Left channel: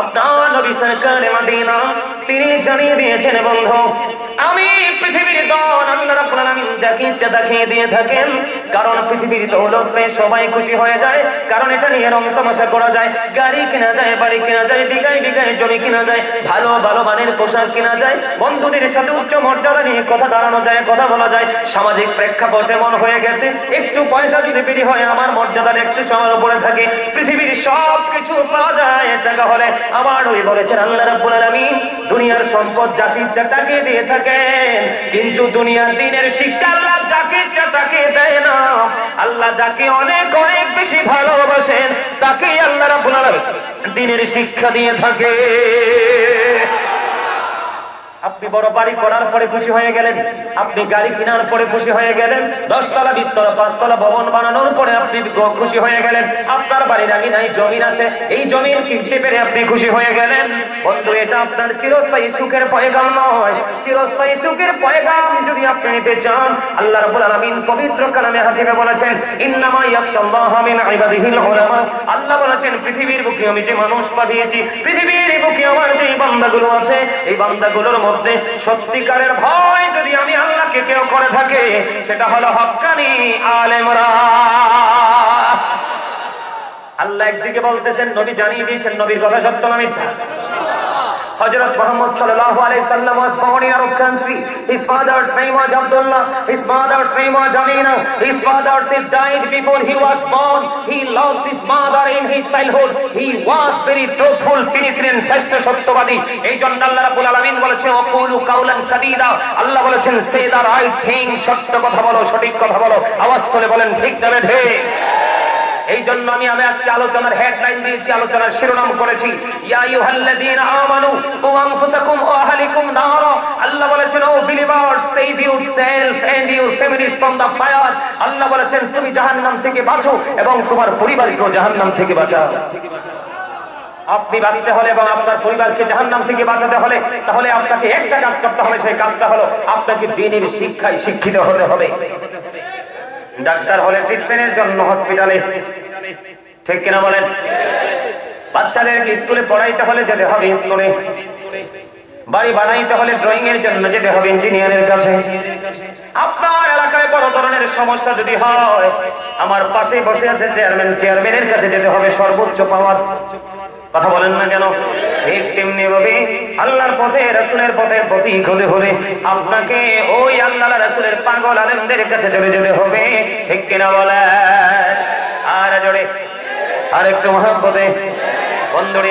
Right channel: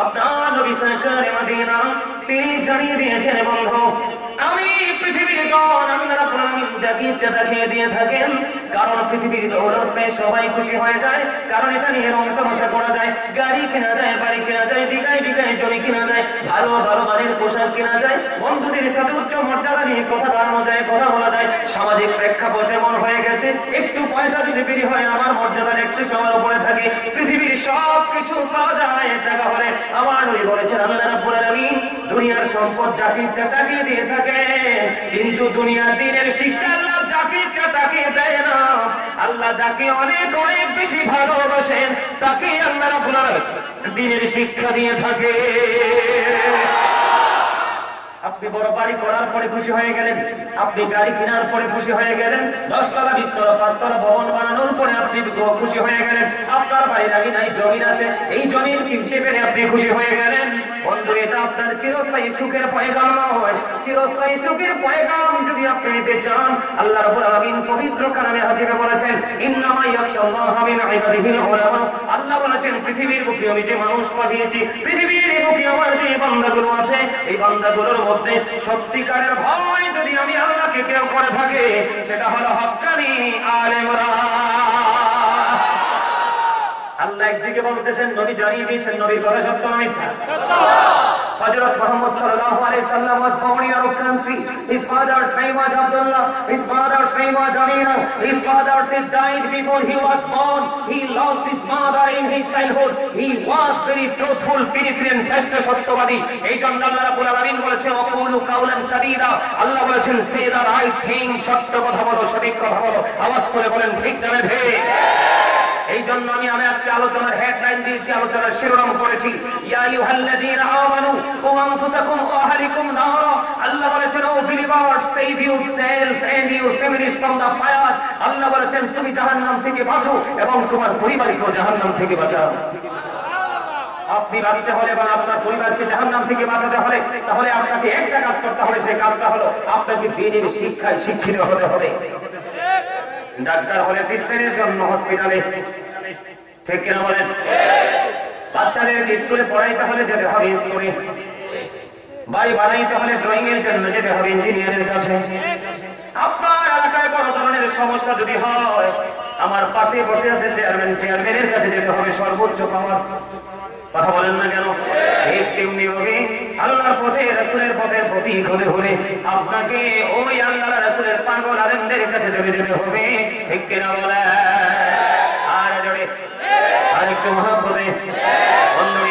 আপনার নবী সরকারে মদিনা তিনি জানিয়ে দিয়েছেন বন্ধু, আমি পৃথিবীর দন আল্লাহ রাব্বুল আলামিন যাকে ইচ্ছা দেখিয়ে দিয়ে থাকেন। কারণ পৃথিবীর দৌলত পেয়ে সবাই খুশি হয়ে যায়, কারণ এটা নিয়ে রং তামাশা করা যায়, গাড়ি কেনা যায়, বাড়ি কেনা যায়, বিঘায় বিঘায় জমি কেনা যায়, ভালো ভালো মানের পোশাক কেনা যায়, বন্ধুদের সাথে উচ্চ মর্যাদা নিয়ে কথা দাঁড়ানো যায়, কথা বলা যায়। সামাজিক প্রেক্ষাপট এমন হয়ে গেছে, একটু পয়সা যদি বেরি হয় আমার মর্যাদার একটু সবার উপরে থাকে, পৃথিবীর সব কিছু পাওয়া যায় টাকা হলে। আমার নবী বলেছেন আল্লাহ রাব্বুল আলামিন দুনিয়ার সম্পদ যাকে ইচ্ছা তাকে দিয়ে থাকে, কিন্তু দুনিয়ার দিনের শিক্ষা আল্লাহ যাকে ইচ্ছা তাকে দেয় না। আল্লাহ যাকে অনেক অনেক বেশি ভালোবাসেন তাকে আল্লাহ রাব্বুল আলামিন দিনের শিক্ষা দিয়ে থাকে। আপনি বড় বাড়ি করার পরে খুশি হয়ে গেলেন, আপনি গাড়ি কেনার পরে খুশি হয়ে গেলেন, 10 তলা 20 তলা 5 তলা ভবন বানানোর পরে আপনি খুশি হয়ে গেলেন, আপনার বাড়ির আগে নাই জমি আছে, এই জমি কিনতে পেরে আপনি খুশি হয়ে গেলেন। বন্ধু এটা আপনার চিরস্থায়ী সুখের পয়গাম নয়। চিরস্থায়ী সুখের পয়গাম যদি আপনি নিতে চান, আল্লাহ রাব্বুল আলামিন পবিত্র কালামে হাকিমে বলেছেন ইন্নামা ইয়াখশাল্লাহা মিন ইবাদিহিল উলামা। আল্লাহ বলেছেন পৃথিবীর বুকে আমি যে মানুষ পাঠিয়েছি, পৃথিবীর বুকে আমার যে বান্দাগুলো আছে, এই বান্দাগুলোর মধ্যে সত্যিকারের ভয় যদি আমি আল্লাহকে কেউ করে থাকে সেটা হলো হক্কানি আলেমরা। আল্লাহ একদিকে বলতেছেন, নবী জানিয়ে দিয়েছেন নবীর কথা সত্য না মিথ্যা। Hazrat Muhammad sallallahu alaihi wasallam was born in Arab country. His father's name was Abdullah. His mother's name was Amina. His father died before he was born. He lost his mother in his childhood. He was very truthful. তিনি ছিলেন শ্রেষ্ঠ সত্যবাদী। এই জন্য আল্লাহ রাব্বুল আলামিন বলেছেন ওয়াকুলু কাওলান সাদীদা। আল্লাহ বলেছেন সে দা রাইট থিং, সত্য কথা বলো, সঠিক কথা বলো। আওয়াজ করে বলেন ঠিক না ঠিক। এই জন্য আমি আজকে আলোচনার হেডলাইন দিয়েছি, আলোচনার শিরোনাম করেছি ইয়া আইয়ুহাল্লাযীনা আমানু কু আনফুসাকুম ওয়া আহলিকুম নারা। আল্লাহ বলেছেন O believers save yourself and your families from the fire. Allah বলেছেন তুমি জাহান্নাম থেকে বাঁচো এবং তোমার পরিবারকেও জাহান্নাম থেকে বাঁচাও। আপনি বাঁচতে হলে এবং আপনার পরিবারকে জাহান্নাম থেকে বাঁচাতে হলে তাহলে আপনাকে একটা কাজ করতে হবে, সেই কাজটা হলো আপনাকে দ্বীনের শিক্ষায় শিক্ষিত হতে হবে। ডাক্তার হলে ট্রিটমেন্টের জন্য হসপিটালে, ঠিক কিনা বলেন? বাচ্চাদেরকে স্কুলে পড়াইতে হলে যেতে হবে স্কুলে, বাড়ি বানাইতে হলে ড্রয়িং এর জন্য যেতে হবে ইঞ্জিনিয়ারের কাছে। আপনার এলাকায় বড় ধরনের সমস্যা যদি হয়, আমার পাশে বসে আছে চেয়ারম্যানের কাছে যেতে হবে সর্বোচ্চ পাওয়ার। কথা বলেন না কেন? ঠিক তেমনি ভাবে আল্লাহর পথে রাসূলের পথে প্রতীক হতে হলে আপনাকে ওই আল্লাহ রাসূলের পাগল আলেমদের কাছে চলে যেতে হবে, ঠিক কিনা বলেন? আর জোরে আর একটু মহব্বতে বন্ধুরে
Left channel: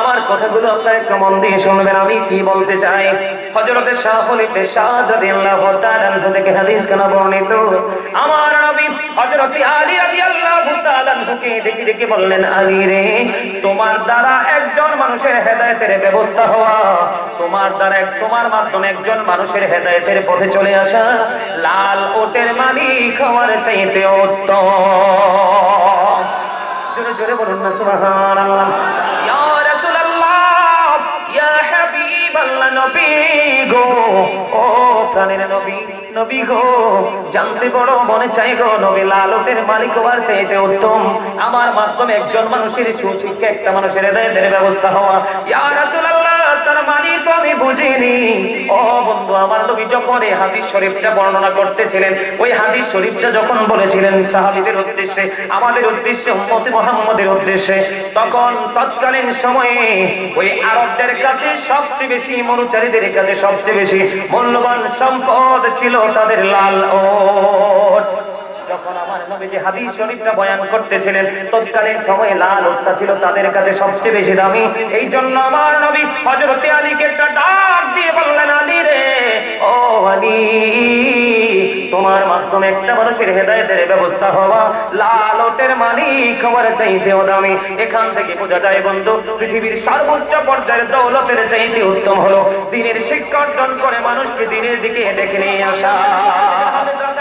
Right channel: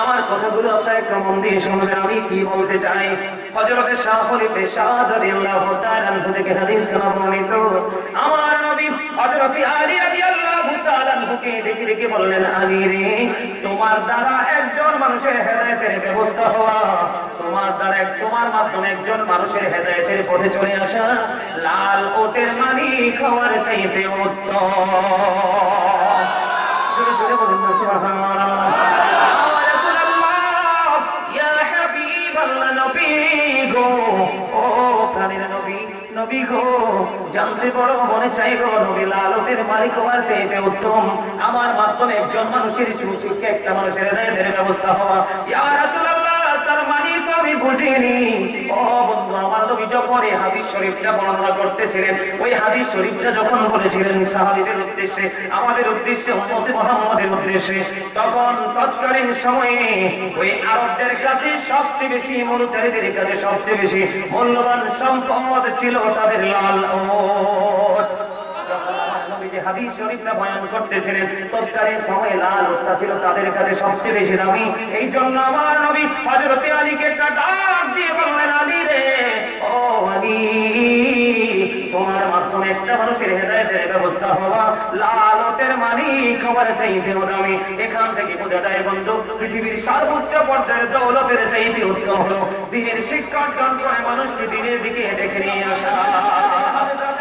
আমার কথাগুলো আপনারা একটু মন দিয়ে শুনবেন। আমি কি বলতে চাই, হযরত শাহ খলিফা সাদ রাদিয়াল্লাহু তাআলা আনহু থেকে হাদিস কানা বর্ণিত, আমার নবী হযরত আলী রাদিয়াল্লাহু তাআলা আনহুকে ডেকে ডেকে বললেন, আলী রে, তোমার দ্বারা একজন মানুষের হেদায়েতের ব্যবস্থা হওয়া, তোমার মাধ্যমে একজন মানুষের হেদায়েতের পথে চলে আসা লাল ওটের মালিক হওয়ার চাইতে উত্তম। জোরে জোরে বলুন না সুবহানাল্লাহ। ইয়া রাসূলুল্লাহ, ইয়া হাবিবাল্লাহ, নবী গো, ও প্রাণের নবী, নবী গো, জানতে বড় মনে চাই গো, নবী লাল ওটের মালিক হওয়ার চাইতে উত্তম আমার মাধ্যমে একজন মানুষের সুশিক্ষা, একটা মানুষের হেদায়েতের ব্যবস্থা হওয়া। ইয়া রাসূলুল্লাহ, তার মানে তো আমি বুঝিনি। ও বন্ধু, আমার নবী যখন এই হাদিস শরীফটা বর্ণনা করতেছিলেন, ওই হাদিস শরীফটা যখন বলেছিলেন সাহাবীদের উদ্দেশ্যে, আমাদের উদ্দেশ্যে, উম্মতে মুহাম্মাদের উদ্দেশ্যে, তখন তৎকালীন সময়ে ওই আরবদের কাছে সবচেয়ে বেশি, মনুচারীদের কাছে সবচেয়ে বেশি মূল্যবান সম্পদ ছিল তাদের লাল ওট। যখন আমার নবী যে হাদিস শরীফটা বয়ান করতেছিলেন, তৎকালীন সময়ে লাল ওটটা ছিল তাদের কাছে সবচেয়ে বেশি দামি। এই জন্য আমার নবী হযরত আলীকে একটা ডাক দিয়ে বললেন, আলী রে, ও আলী, তোমার মাধ্যমে একটা মানুষের হেদায়েতের ব্যবস্থা হওয়া লাল ওটের মালিক হওয়ার চাইতেও দামি। এখান থেকে বোঝা যায় বন্ধু, পৃথিবীর সর্বোচ্চ পর্যায়ের দৌলতের চাইতে উত্তম হলো দ্বীনের শিক্ষা অর্জন করে মানুষকে দ্বীনের দিকে ডেকে নিয়ে আসা।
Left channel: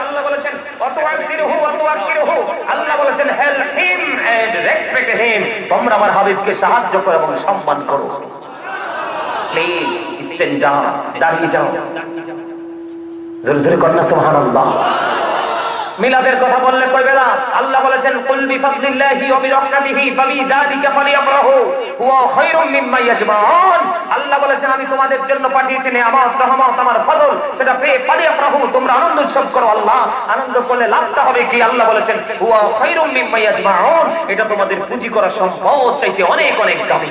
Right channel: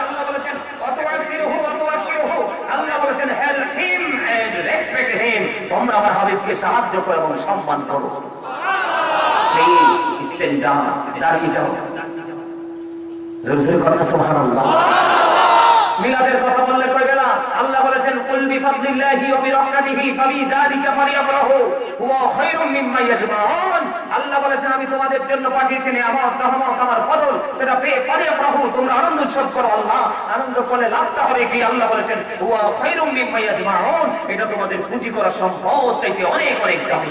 আল্লাহ বলেছেন আল্লাহ বলেছেন help him and respect him, তোমরা আমার হাবিবকে সাহায্য করো এবং সম্মান করো। প্লিজ স্ট্যান্ড ডাউন, দাঁড়িয়ে যাও। জোরে জোরে কর না সুবহানাল্লাহ। মিলাদের কথা বললে কইবে না। আল্লাহ বলেছেন কুল বিফাদলিল্লাহি ওয়া বিরহমাতিহি ফাবিযালিকা ফালিয়াফরাহু হুয়া খায়রুম মিম্মা ইয়াজমাউন। আল্লাহ বলেছেন আমি তোমাদের জন্য পাঠিয়েছি নিয়ামত, রহমত, আমার ফজল, সেটা পেয়ে ফালিয়াফরাহু, তোমরা আনন্দ উৎসব করো। আল্লাহ আনন্দ করলে লাভটা হবে কি? আল্লাহ বলেছেন হুয়া খায়রুম মিম্মা ইয়াজমাউন, এটা তোমাদের পুঁজি করা সম্পদ চাইতে অনেক অনেক দামি।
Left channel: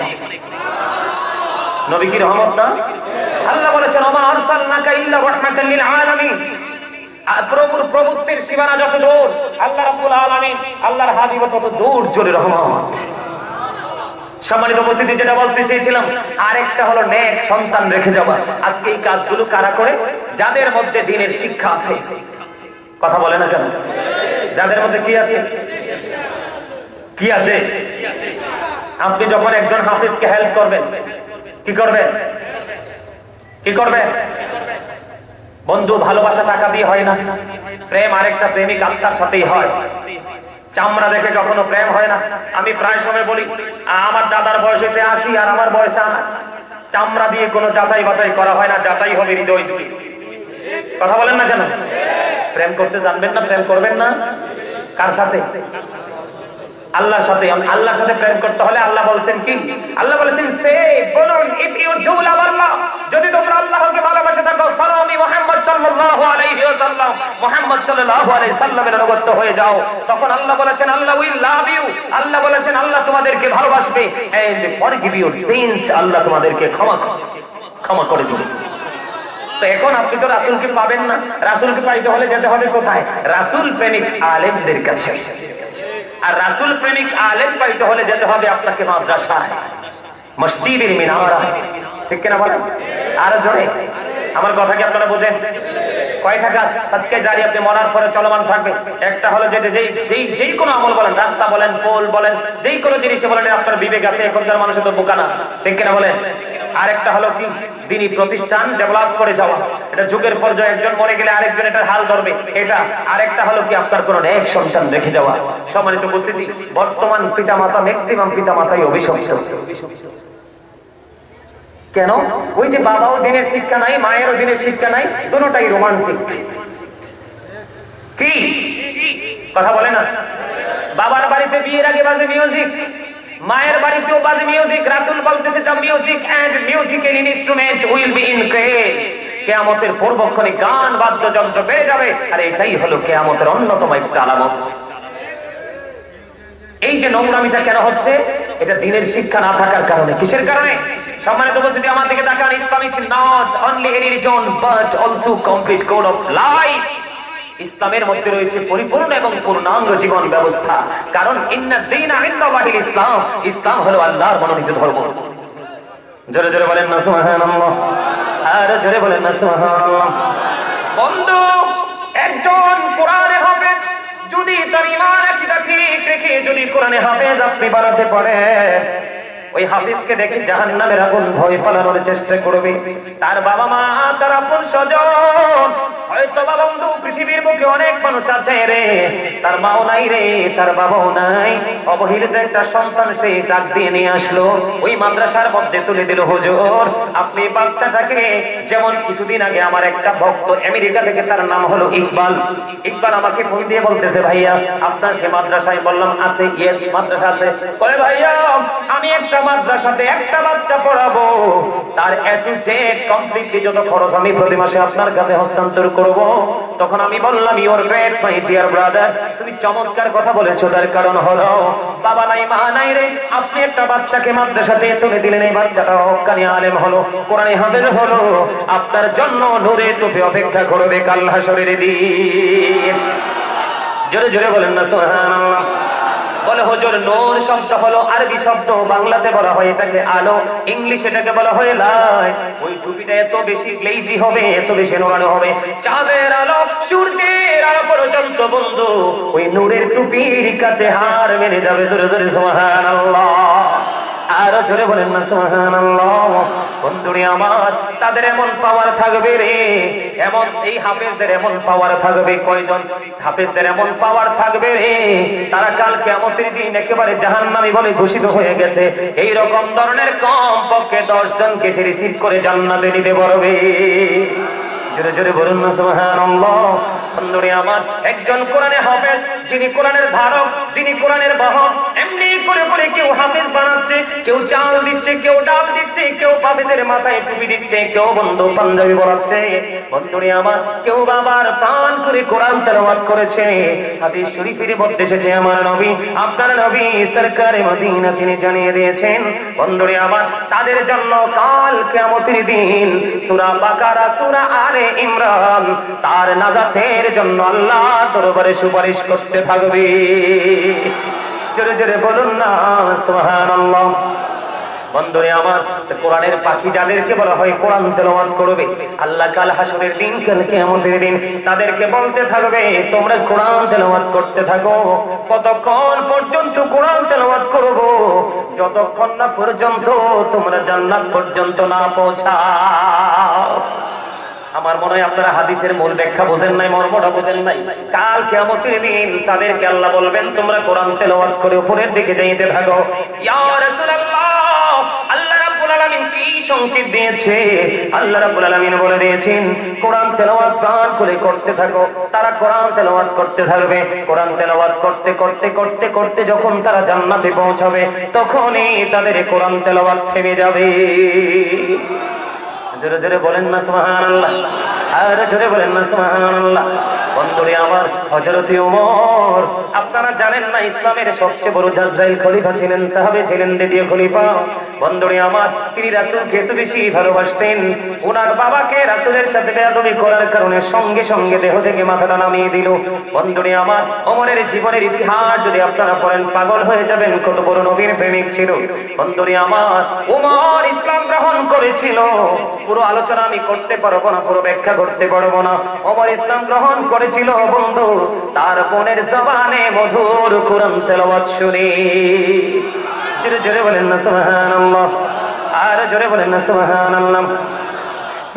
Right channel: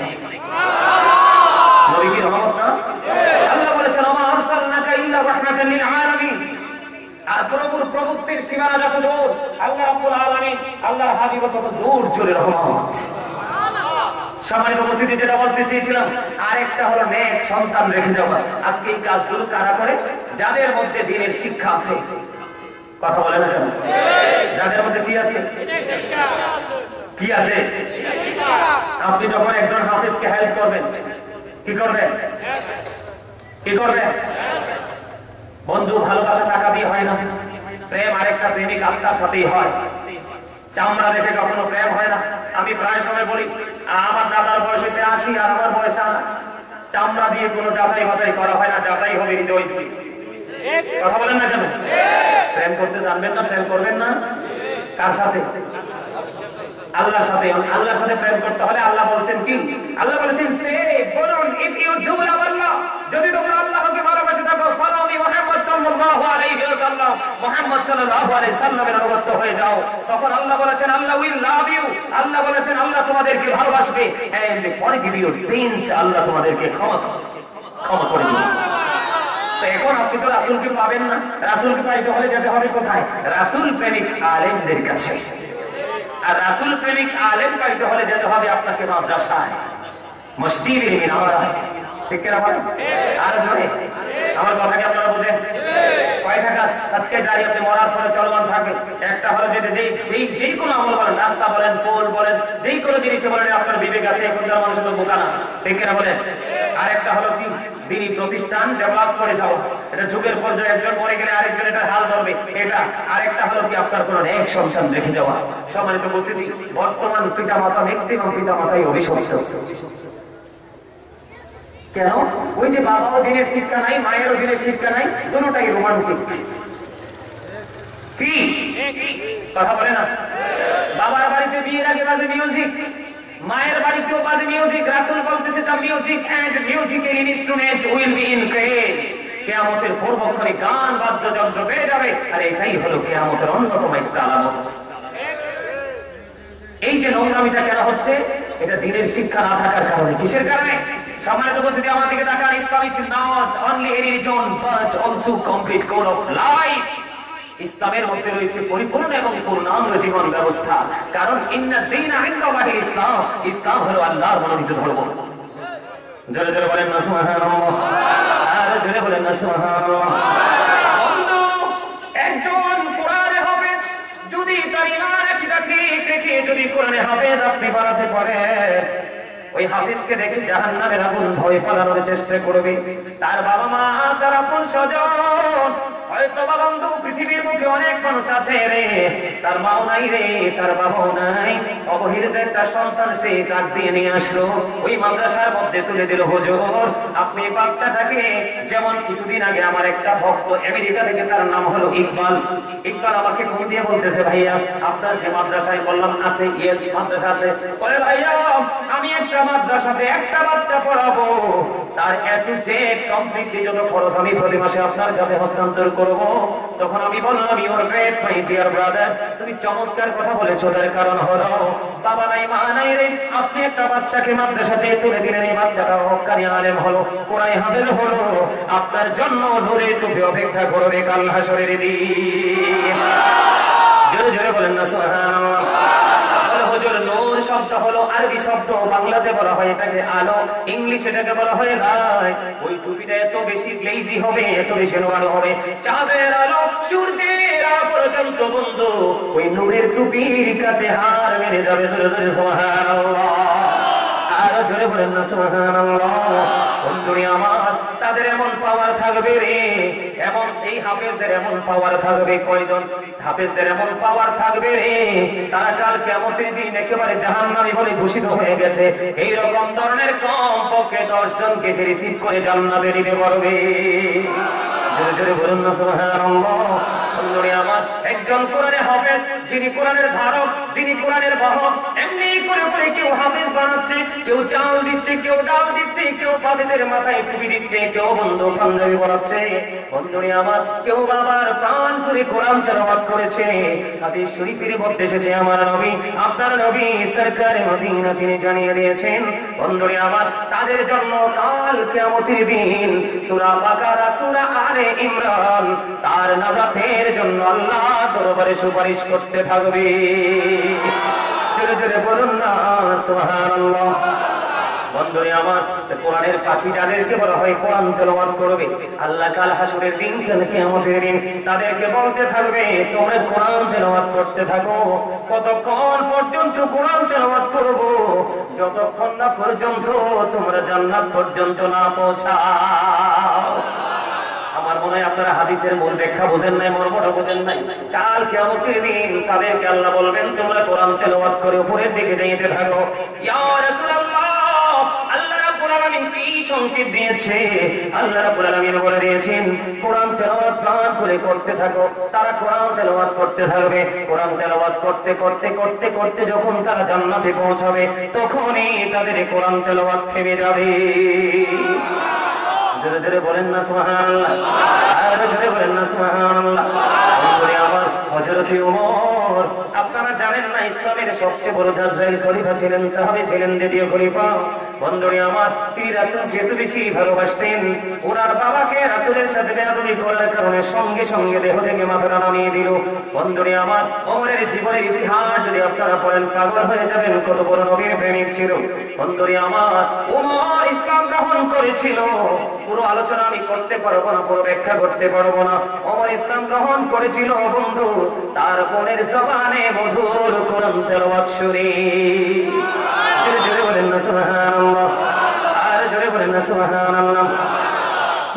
নবী কি রহমত না? আল্লাহ বলেছেন ওমা আরসালনাকা ইল্লা রাহমাতাল লিল আলামিন। প্রভুর প্রভুত্বের সীমানা যত দূর, আল্লাহ রাব্বুল আলামিন আল্লাহর হাবিব তত দূর চলে রহমত। সম্মানিত উপস্থিতি, যেটা বলতে চেয়েছিলাম আরেকটা হলো নেক সন্তান রেখে যাওয়া। আজকে এই কাজগুলো কারা করে? যাদের মধ্যে দ্বীনের শিক্ষা আছে। কথা বলে না কেন? যাদের মধ্যে কি আছে? কি আছে? আপনি যখন একজন হাফিজকে হেল্প করবেন, কি করবেন? কি করবেন? বন্ধু, ভালোবাসা টাকা দিয়ে হয় না। প্রেম আরেকটা প্রেমিক আত্মার সাথেই হয়। চামড়া দেখে কখনো প্রেম হয় না। আমি প্রায় সময় বলি আমার দাদার বয়স হয়েছে 80 আর আমার বয়স 8। চামড়া দিয়ে কোনো যাচাই বাছাই করা হয় না, যাচাই হবে হৃদয় দিয়ে। কথা বলেন না কেন? প্রেম করতে জানবেন না, প্রেম করবেন না। কার সাথে? আল্লাহর সাথে। আল্লাহর সাথে প্রেম করতে হলে আল্লাহ বলছেন কি? আল্লাহ বলেছেন সে বলুন ইফ ইউ ডু লাভ আল্লাহ, যদি তোমরা আল্লাহকে ভালোবাসে থাকো, ফলোমি মুহাম্মদ সাল্লাল্লাহু আলাইহি ওয়াসাল্লাম, মুহাম্মদ সাল্লাল্লাহু আলাইহি সাল্লামের অনুগত হয়ে যাও। তখন আল্লাহ বলেছেন আল্লাহ উইল লাভ ইউ। আল্লাহ বলেছেন আল্লাহ তোমাদেরকে ভালোবাসবে। এন্ড ফরগিভ ইউর সিনস, আল্লাহ তোমাদেরকে ক্ষমা করে দিবে। তো এখন আপনি তো রাসূলকে পাবেন না। রাসূলকে পাইতে হলে যেতে হবে কোথায়? রাসূল প্রেমিক আলেমদের কাছে। আর রাসূল প্রেমিক আলেম পাইতে হলে যেতে হবে আপনাকে মাদ্রাসায়, মসজিদের মিনারায়। ঠিক কিনা বলেন? আর জোরে আমার কথা কি আপনারা বোঝেন? কয়টা কাজ আজকে জারি আপনি মরার পরে চলমান থাকবে। একটা হলো যেটা যেই কোনো আমল বলেন, রাস্তা বলেন, পোল বলেন, যেই কোনো জিনিসে বলেন আপনার বিবেক আছে। এখনকার মানুষের তো বোকা না। ঠিক কিনা বলেন? আরেকটা হলো কি? দিনী প্রতিষ্ঠান ডেভেলপ করে যাওয়া। এটা যুগের পর্যায়ে একজন মরে গেলে আরেকজন এটার হাল ধরবে, এটা। আরেকটা হলো কি? আপনার কোন এক সন্তান রেখে যাওয়া। সম্মানিত উপস্থিতি, বর্তমান পিতামাতা, ম্যাক্সিমাম পিতামাতাই অভিশপ্ত। কেন? ওই যে বাবাও দিনের শিক্ষা নাই, মায়েরও দিনের শিক্ষা নাই, দুটোটাই রোমান্টিক। কি কথা বলে না? বাবার বাড়িতে বিয়ের আগে বাজে মিউজিক, মায়ের বাড়িতেও বাজে মিউজিক। রাসূল বলতেছে the music and musical instrument will be increased. কিয়ামতের পূর্বক্ষণে গান বাদ্যযন্ত্র বেড়ে যাবে। আর এটাই হলো কিয়ামতের অন্যতম একটা আলামত। এই যে নোংরামিটা কেন হচ্ছে? এটা দ্বীনের শিক্ষা না থাকার কারণে। কিসের কারণে? সম্মানিত উপস্থিতি, আমার দিকে তাকান। Islam is not only any religion but also complete code of life. ইসলামের মধ্যে রয়েছে পরিপূর্ণ এবং পূর্ণাঙ্গ জীবন ব্যবস্থা। কারণ ইন্নাদ দীনা ইনদাল্লাহিল ইসলাম, ইসলাম হলো আল্লাহর মনোনীত ধর্ম। জোরে জোরে বলেন না সুবহানাল্লাহ। আর জোরে বলেন না সুবহানাল্লাহ। বন্ধু, একজন কোরআনে হাফেজ যদি তার ঈমান আকীদা ঠিক রেখে যদি কোরআনে হাফেজ আপনি বানাতে পারেন, ওই হাফিজকে দেখে জাহান্নামের আগুন ভয় পালানোর চেষ্টা করবে। তার বাবা মা, তার আপন স্বজন, হয়তো বন্ধু পৃথিবীর বুকে অনেক মানুষ আছে রে, তার মাও নাই রে, তার বাবাও নাই, অবহেলিত একটা সন্তান সে ডাক দিয়ে নিয়ে আসলো, ওই মাদ্রাসার মধ্যে তুলে দিল। হুজুর, আপনি বাচ্চাটাকে, যেমন কিছুদিন আগে আমার একটা ভক্ত আমেরিকা থেকে, তার নাম হলো ইকবাল। ইকবাল আমাকে ফোন দিয়ে বলতেছে ভাইয়া আপনার কি মাদ্রাসায়? বললাম আছে। ইয়েস, মাদ্রাসা আছে। বলে ভাইয়া আমি একটা মাদ্রাসাতে একটা বাচ্চা পড়াবো, তার এটু জেড কমপ্লিটলি যত খরচ আমি প্রতি মাসে আপনার কাছে হস্তান্তর করব। তখন আমি বললাম your great my dear brother, তুমি চমৎকার কথা বলেছো। তার কারণ হলো বাবা নাই, মা নাই রে, আপনি একটা বাচ্চাকে মাদ্রাসাতে তুলে দিলেন, এই বাচ্চাটা হক্কানি আলেম হলো, কোরআনে হাফেজ হলো, আপনার জন্য নূরের টুপি অপেক্ষা করবে কাল হাশরের দিন। জোরে জোরে বলেন না সুবহানাল্লাহ। বলে হুজুর, নূর শব্দ হলো আরবি শব্দ, বাংলাতে বলা হয় এটাকে আলো, ইংলিশ এটাকে বলা হয় লাইট। ওই টুপিটা এত বেশি গ্লেজি হবে, এত বেশি নোরানো হবে, চাঁদের আলো সূর্যের আলো পর্যন্ত বন্ধু ওই নূরের টুপির কাছে হার মেনে যাবে। জোরে জোরে সুবহানাল্লাহ। আর জোরে বলেন না সুবহানাল্লাহ। বন্ধুরে আমার, তাদের এমন পাওয়ার থাকবে রে, এমন এই হাফেজদের এমন পাওয়ার থাকবে। কয়জন হাফেজদের এমন পাওয়ার থাকবে রে, তারা কাল কিয়ামতের দিন একেবারে জাহান্নামী বলে ঘোষিত হয়ে গেছে। এই রকম ধরনের কমপক্ষে 10 জনকে সে রিসিভ করে জান্নাতে নিতে পারবে। জোরে জোরে বলুন না সুবহানাল্লাহ। বন্ধুরে আমার, একজন কোরআনের হাফেজ, যিনি কোরআনের ধারক, যিনি কোরআনের বাহক, এমনি করে করে কেউ হাফেজ বানাচ্ছে, কেউ চাল দিচ্ছে, কেউ ডাল দিচ্ছে, কেউ হাফেজের মাথায় টুপি দিচ্ছে, কেউ বন্ধু পাঞ্জাবি পরাচ্ছে। বন্ধুরে আমার, কেউ বাবার প্রাণ করে কোরআন তেলাওয়াত করেছে। হাদিস শরীফের মধ্যে এসেছে আমার নবী, আপনার নবী সরকারে মদিনা তিনি জানিয়ে দিয়েছেন, বন্ধুরে আমার, তাদের জন্য কাল কিয়ামতের দিন সূরা বাকারা, সূরা আলে ইমরান তার নাজাতের জন্য আল্লাহ দরবারে সুপারিশ করতে থাকবে। জোরে জোরে বলুন না সুবহানাল্লাহ। বন্ধুরে আমার, কোরআনের পাখি যাদেরকে বলা হয় কোরআন তেলাওয়াত করবে, আল্লাহ কাল হাসরের দিন, কাল কিয়ামতের দিন তাদেরকে বলতে থাকবে, তোমরা কোরআন তেলাওয়াত করতে থাকো। কতক্ষণ পর্যন্ত কোরআন তেলাওয়াত করব? যতক্ষণ না পর্যন্ত তোমরা জান্নাত পর্যন্ত না পৌঁছাও। আমার মনে হয় আপনারা হাদিসের মূল ব্যাখ্যা বোঝেন নাই, মর্মটা বোঝেন নাই। কাল কিয়ামতের দিন তাদেরকে আল্লাহ বলবেন, তোমরা কোরআন তেলাওয়াত করে উপরের দিকে যাইতে থাকো। ইয়া রাসূলুল্লাহ, আল্লাহ রাব্বুল আলামিন কি সংকেত দিয়েছে? আল্লাহ রাব্বুল আলামিন বলে দিয়েছেন, কোরআন তেলাওয়াত প্রাণ করে করতে থাকো। তারা কোরআন তেলাওয়াত করতে থাকবে। কোরআন তেলাওয়াত করতে করতে করতে করতে যখন তারা জান্নাতে পৌঁছাবে, তখনই তাদের কোরআন তেলাওয়াত থেমে যাবে। জোরে জোরে বলেন না সুবহানাল্লাহ, আর জোরে বলেন না সুবহানাল্লাহ। বন্ধুরে আমার, হযরত ওমর, আপনারা জানেন না ইসলামের সবচেয়ে বড় জাজরাইল খলিফা ছিলেন, সাহাবী ছিলেন, দ্বিতীয় খলিফা। বন্ধুরে আমার, তিনি রাসূলকে এত বেশি ভালোবাসতেন, ওনার বাবাকে রাসূলের সাথে বেয়াদবি করার কারণে সঙ্গে সঙ্গে দেহ থেকে মাথাটা নামিয়ে দিল। বন্ধুরে আমার, ওমরের জীবনের ইতিহাস যদি আপনারা পড়েন পাগল হয়ে যাবেন, কত বড় নবীর প্রেমিক ছিল। বন্ধুরে আমার, ওমর ইসলাম গ্রহণ করেছিল। পুরো আলোচনা আমি করতে পারবো না, পুরো ব্যাখ্যা করতে পারবো না। ওমর ইসলাম গ্রহণ করেছিল বন্ধু তার বোনের জবানে মধুর কোরআন তেলাওয়াত শুনে। জোরে জোরে বলেন না সুবহানাল্লাহ, আর জোরে বলেন না সুবহানাল্লাহ।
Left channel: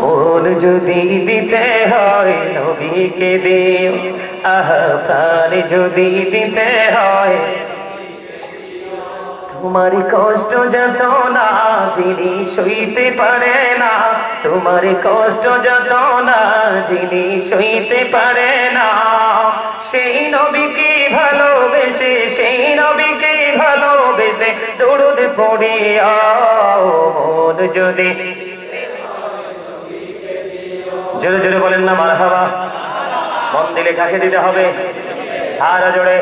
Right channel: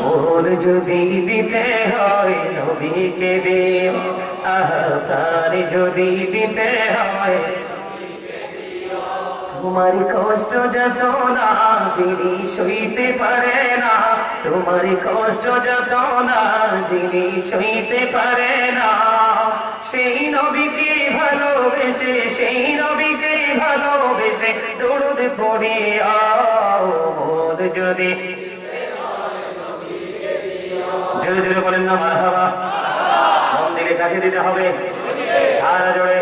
ওর যদি দিতে হয় নবীকে দিও, আহা প্রাণ যদি দিতে হয়, তোমার কষ্ট যত না যিনি সইতে পারে না, তোমার কষ্ট যত না যিনি সইতে পারে না, সেই নবীকে ভালোবেসে, সেই নবীকে ভালোবেসে দরুদ পড়িয়া মন যদি। জোরে জোরে বলেন না মারহাবা। মন দিলে কাকে দিতে হবে? আর জোরে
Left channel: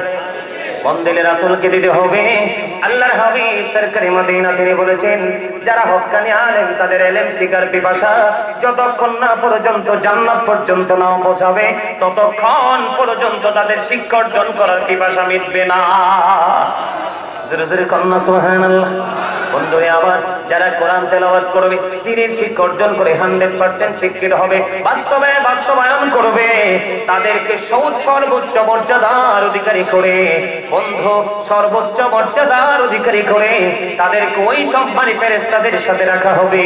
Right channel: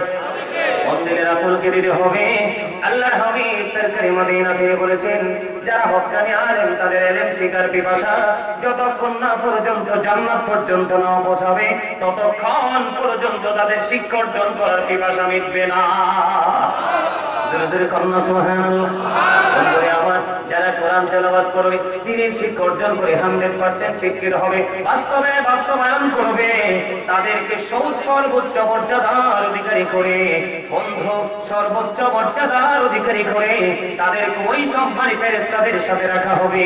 মন দিলে রাসূলকে দিতে হবে। আল্লাহর হাবিব সরকারে মদিনা তিনি বলেছেন, যারা হক্কানি আলেম তাদের ইলম শিখার পিপাসা যতক্ষণ না পর্যন্ত জান্নাত পর্যন্ত না পৌঁছাবে, ততক্ষণ পর্যন্ত তাদের শিক্ষা অর্জন করার পিপাসা মিটবে না। জোরে জোরে কন্যা সুবহানাল্লাহ। বন্ধুরে আমার, যারা কোরআন তেলাওয়াত করবে, দ্বীনের শিক্ষা অর্জন করে 100% শিক্ষিত হবে, বাস্তবায়ন করবে, তাদেরকে সর্বোচ্চ মর্যাদার অধিকারী করে, বন্ধু সর্বোচ্চ মর্যাদার অধিকারী করে তাদেরকে ওই সম্মানী ফেরেশতাদের সাথে রাখা হবে।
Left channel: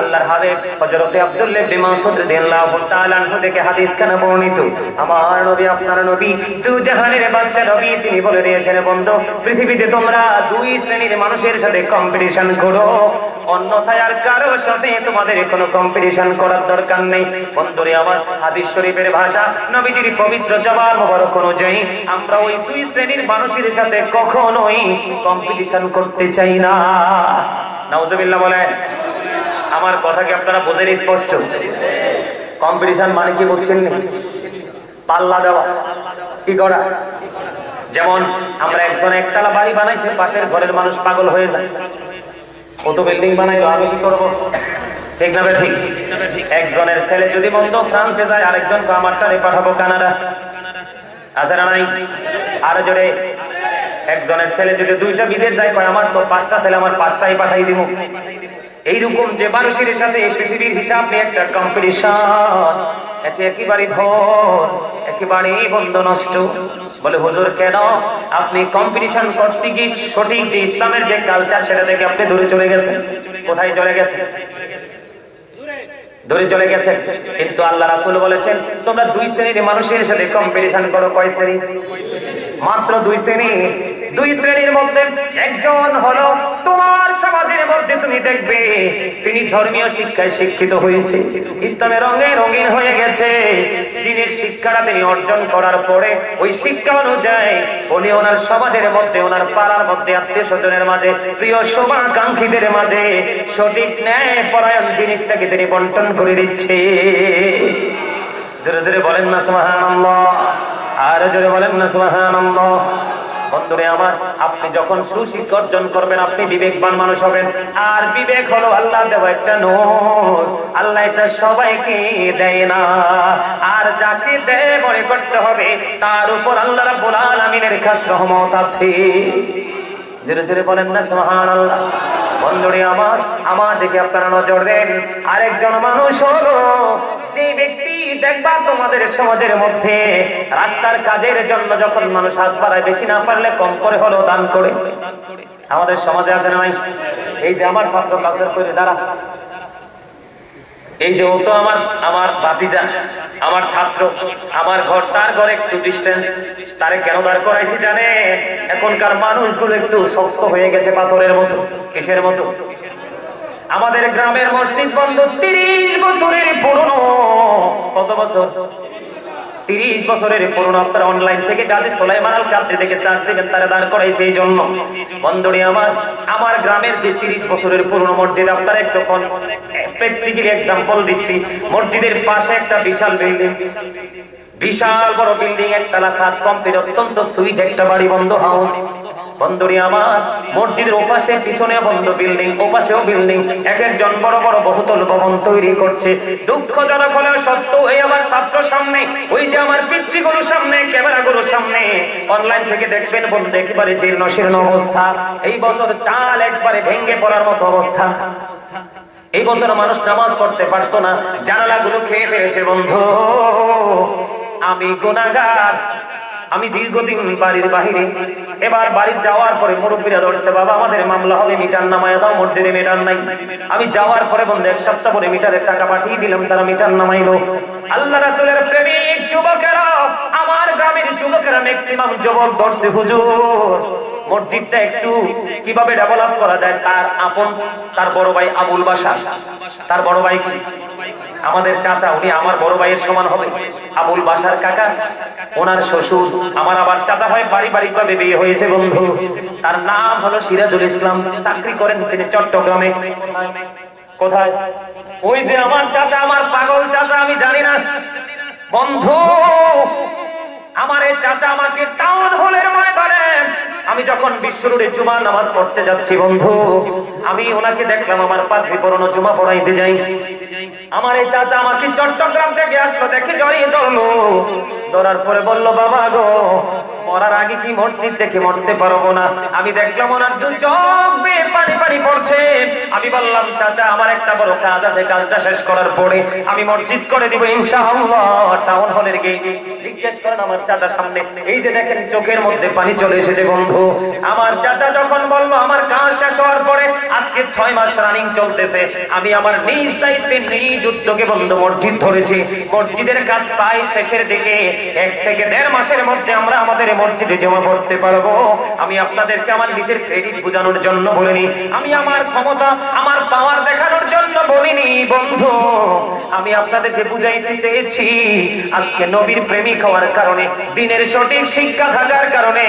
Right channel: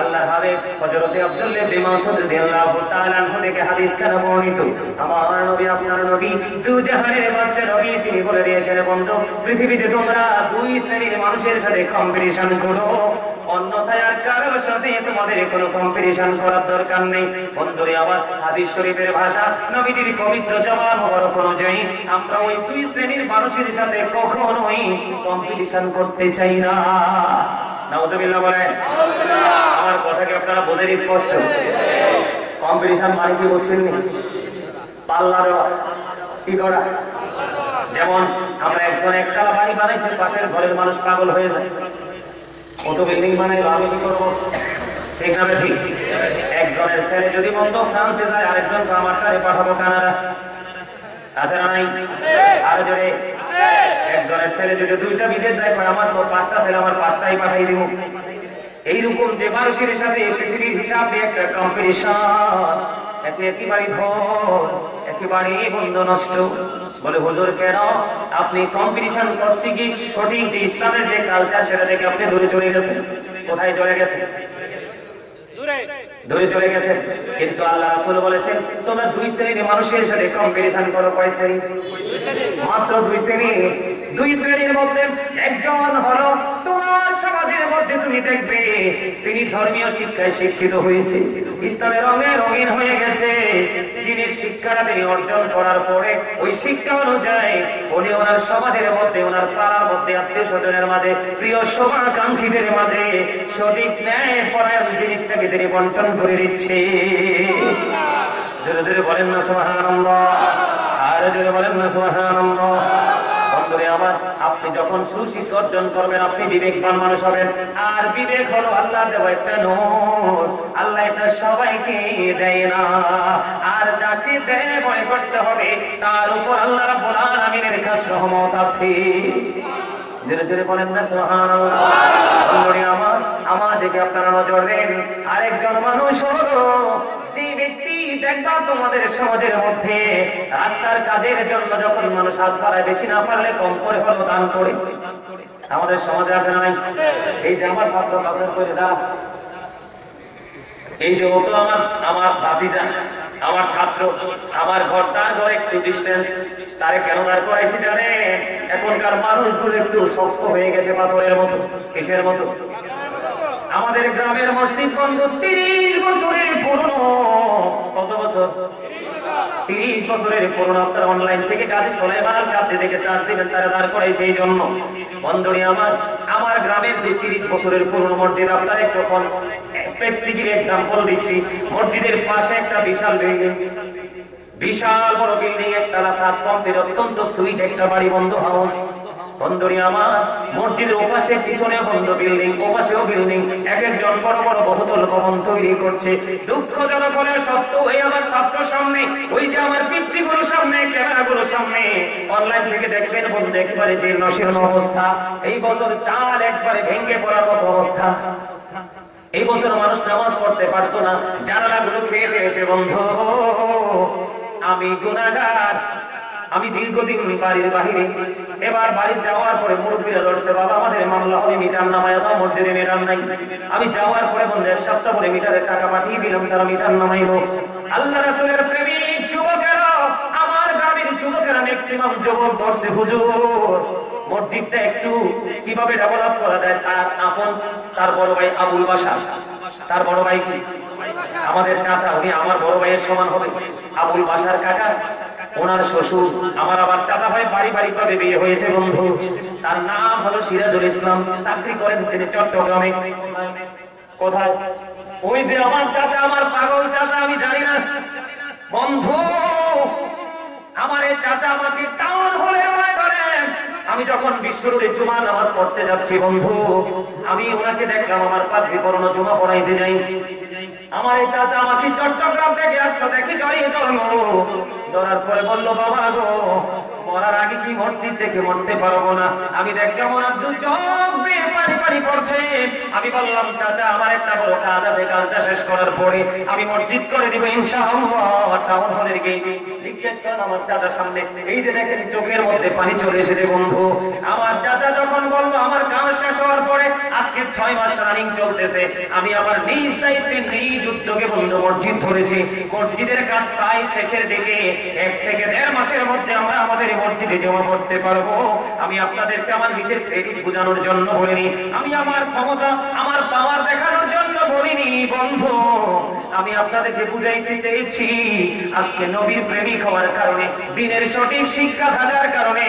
আল্লাহর হাবিব হযরত আব্দুল্লাহ ইবনে মাসউদ রাদিয়াল্লাহু তাআলা আনহু থেকে হাদিস কানা বর্ণিত, আমার নবী আপনার নবী দুই জাহানের বাদশা নবী তিনি বলে দিয়েছেন, বন্ধু পৃথিবীতে তোমরা দুই শ্রেণীর মানুষের সাথে কম্পিটিশন করো, অন্যথায় আর কারোর সাথে তোমাদের কোনো কম্পিটিশন করার দরকার নেই। বন্ধুরে আমার, হাদিস শরীফের ভাষা, নবীজির পবিত্র জবান মোবারক অনুযায়ী আমরা ওই দুই শ্রেণীর মানুষের সাথে কখনোই কম্পিটিশন করতে চাই না। নাউজুবিল্লাহ বলেন। আমার কথা কি আপনারা বোঝেন স্পষ্ট? কম্পিটিশন মানে কি বুঝছেন? পাল্লা দেওয়া, কি করা? যেমন আমরা একজন একতলা বাড়ি বানাইছে, পাশের ঘরের মানুষ পাগল হয়ে যায়, কত বিল্ডিং বানাইলো, আমি কি করবো? ঠিক না ঠিক? একজনের ছেলে যদি বন্ধু ফ্রান্সে যায়, আরেকজনকে আমারটারে পাঠাবো কানাডা, আছে না নাই? আরো জোরে, একজনের ছেলে যদি দুইটা বিদেশ যায়, আমার তো 5টা ছেলে, আমার 5টাই পাঠাই দিব। এইরকম যে মানুষের সাথে পৃথিবীর হিসাবে একটা কম্পিটিশন, এটা একেবারে ভুল, একেবারেই বন্ধ নষ্ট। বলে হুজুর কেন? আপনি কম্পিটিশন করতে গিয়ে সঠিক যে ইসলামের যে কালচার সেটা থেকে আপনি দূরে চলে গেছেন। কোথায় চলে গেছেন? দূরে চলে গেছেন। কিন্তু আল্লাহ রাসূল বলেছেন, তোমরা দুই শ্রেণীর মানুষের সাথে কম্পিটিশন করো। কয় শ্রেণী? মাত্র দুই শ্রেণী। দুই শ্রেণীর মধ্যে একজন হলো তোমার সমাজের মধ্যে তুমি দেখবে তিনি ধর্মীয় শিক্ষায় শিক্ষিত হয়েছে, ইসলামের রঙে রঙিন হয়ে গেছে। দিনের শিক্ষাটা তিনি অর্জন করার পরে ওই শিক্ষা অনুযায়ী উনি ওনার সমাজের মধ্যে, ওনার পাড়ার মধ্যে, আত্মীয় স্বজনের মাঝে, প্রিয় শুভাকাঙ্ক্ষীদের মাঝে সঠিক ন্যায় পরায়ণ জিনিসটাকে তিনি বন্টন করে দিচ্ছে। জোরে জোরে বলেন না সুবহানাল্লাহ, আর জোরে বলেন না সুবহানাল্লাহ। বন্ধুরে আমার, আপনি যখন সুশিক্ষা অর্জন করবেন আপনি বিবেকবান মানুষ হবেন। আর বিবেক হলো আল্লাহ দেওয়া একটা নূর, আল্লাহ এটা সবাইকে দেয় না। আর যাকে দেয় মনে করতে হবে তার উপর আল্লাহ রাব্বুল আলামিনের খাস রহমত আছে। জোরে জোরে বলেন না সুবহানাল্লাহ। বন্ধুরে আমার দিকে আপনারা নজর দেন। আরেকজন মানুষ হলো যে ব্যক্তি দেখবা তোমাদের সমাজের মধ্যে রাস্তার কাজের জন্য যখন মানুষ হাত বাড়ায়, বেশি না পারলে কম করে হলেও দান করে। আমাদের সমাজে আছে না? এই যে আমার ছাত্র কাজের করে দাঁড়া, এই যে ও তো আমার ভাতিজা, আমার ছাত্র, আমার ঘর তার ঘর একটু ডিস্টেন্স, তারে কেন দাঁড় করাইছি জানে? এখনকার মানুষগুলো একটু শক্ত হয়ে গেছে পাথরের মতো। কিসের মতো? আমাদের গ্রামের মসজিদ বন্ধ 30 বছরের পুরনো। কত বছর? 30 বছরের পুরনো। আপনারা অনলাইন থেকে কাজে সোলাইমান আল কাদরি থেকে চার্জ দিবেন, তারা দাঁড় করাইছে এই জন্য। বন্ধুরে আমার গ্রামের যে 30 বছরের পুরনো মসজিদ, আপনারা একটু প্র্যাকটিক্যাল এক্সাম্পল দিচ্ছি। মসজিদের পাশে একটা বিশাল বিল্ডিং, বিশাল বড় বিল্ডিং, একতলা সাজ কমপ্লিট, অত্যন্ত সুইচ একটা বাড়ি, বন্ধ হাউস। বন্ধুরে আমার, মসজিদের ওপাশে পিছনে বন্ধ বিল্ডিং, ওপাশেও বিল্ডিং, এক একজন বড় বড় বহুতল ভবন তৈরি করছে। দুঃখজনক হলেও সত্য, এই আমার ছাত্র সামনে, ওই যে আমার পিতৃগুলোর সামনে, ক্যামেরাগুলোর সামনে, অনলাইন থেকে দেখবেন বন্ধু একেবারে জীর্ণ শীর্ণ অবস্থা। এই বছর চাল একবারে ভেঙে পড়ার মতো অবস্থা। এই বছর মানুষ নামাজ পড়তে পারতো না, জানালাগুলো খেয়ে ফেলেছে। বন্ধু, আমি গুনাহগার, আমি দীর্ঘদিন বাড়ির বাহিরে। এবার বাড়ি যাওয়ার পরে মুরব্বীরা ধরছে, বাবা আমাদের মামলা হবে, মিটার নামায় দাও। মসজিদে মিটার নাই। আমি যাওয়ার পরে বন্ধু 1 সপ্তাহ পরে মিটারের টাকা পাঠিয়ে দিলাম, তারা মিটার নামাইলো। আল্লাহ রাসূলের প্রেমিক যুবকেরা, আমার গ্রামের যুবকেরা ম্যাক্সিমাম যুবক ধরছে, হুজুর মসজিদটা একটু কিভাবে ডেভেলপ করা যায়। তার বড় ভাই আবুল বাশার, তার বড় ভাই কি আমাদের চাচা, উনি আমার বড় ভাইয়ের সমান হবে। আবুল বাশার কাকা, ওনার শ্বশুর আমার আবার চাচা ভাই, পারিবারিক ভাবে বিয়ে হয়েছে। বন্ধু, তার নাম হলো সিরাজুল ইসলাম, চাকরি করেন তিনি চট্টগ্রামে। কোথায়? ওই যে আমার চাচা, আমার পাগল চাচা, আমি জানি না। বন্ধু, আমার এই চাচা আমাকে টাউন হলের ময়দানে, আমি যখন বিশ্ব রোডে জুমা নামাজ পড়তে যাচ্ছি বন্ধু, আমি ওনাকে দেখলাম, আমার পাত্রী পড়ানো জুমা পড়াইতে যাই। আমার এই চাচা আমাকে চট্টগ্রাম থেকে আসলো, দেখে জড়িয়ে ধরলো। ধরার পরে বললো, বাবা গো, মরার আগে কি মসজিদ দেখে মরতে পারবো না? আমি দেখলাম ওনার 2 চোখ বেয়ে পানি পানি পড়ছে। আমি বললাম, চাচা আমার একটা বড় কাজ আছে, কাজটা শেষ করার পরে আমি মসজিদ করে দিব ইনশাআল্লাহ। টাউন হলের গেটে জিজ্ঞেস করেন আমার চাচার সামনে, এই যে দেখেন চোখের মধ্যে পানি চলে এসেছে। বন্ধু, আমার চাচা যখন বললো আমার কাজ শেষ হওয়ার পরে, আজকে 6 মাস রানিং চলতেছে, আমি আমার নিজ দায়িত্বে নিজ উদ্যোগে বন্ধু মসজিদ ধরেছি। মসজিদের কাজ প্রায় শেষের দিকে, 1 থেকে 1.5 মাসের মধ্যে আমরা আমাদের মসজিদে জমা পড়তে পারবো। আমি আপনাদেরকে আমার নিজের ক্রেডিট বোঝানোর জন্য বলিনি, আমি আমার ক্ষমতা, আমার পাওয়ার দেখানোর জন্য বলিনি। বন্ধু, আমি আপনাদেরকে বুঝাইতে চেয়েছি, আজকে নবীর প্রেমিক হওয়ার কারণে, দিনের সঠিক শিক্ষা থাকার কারণে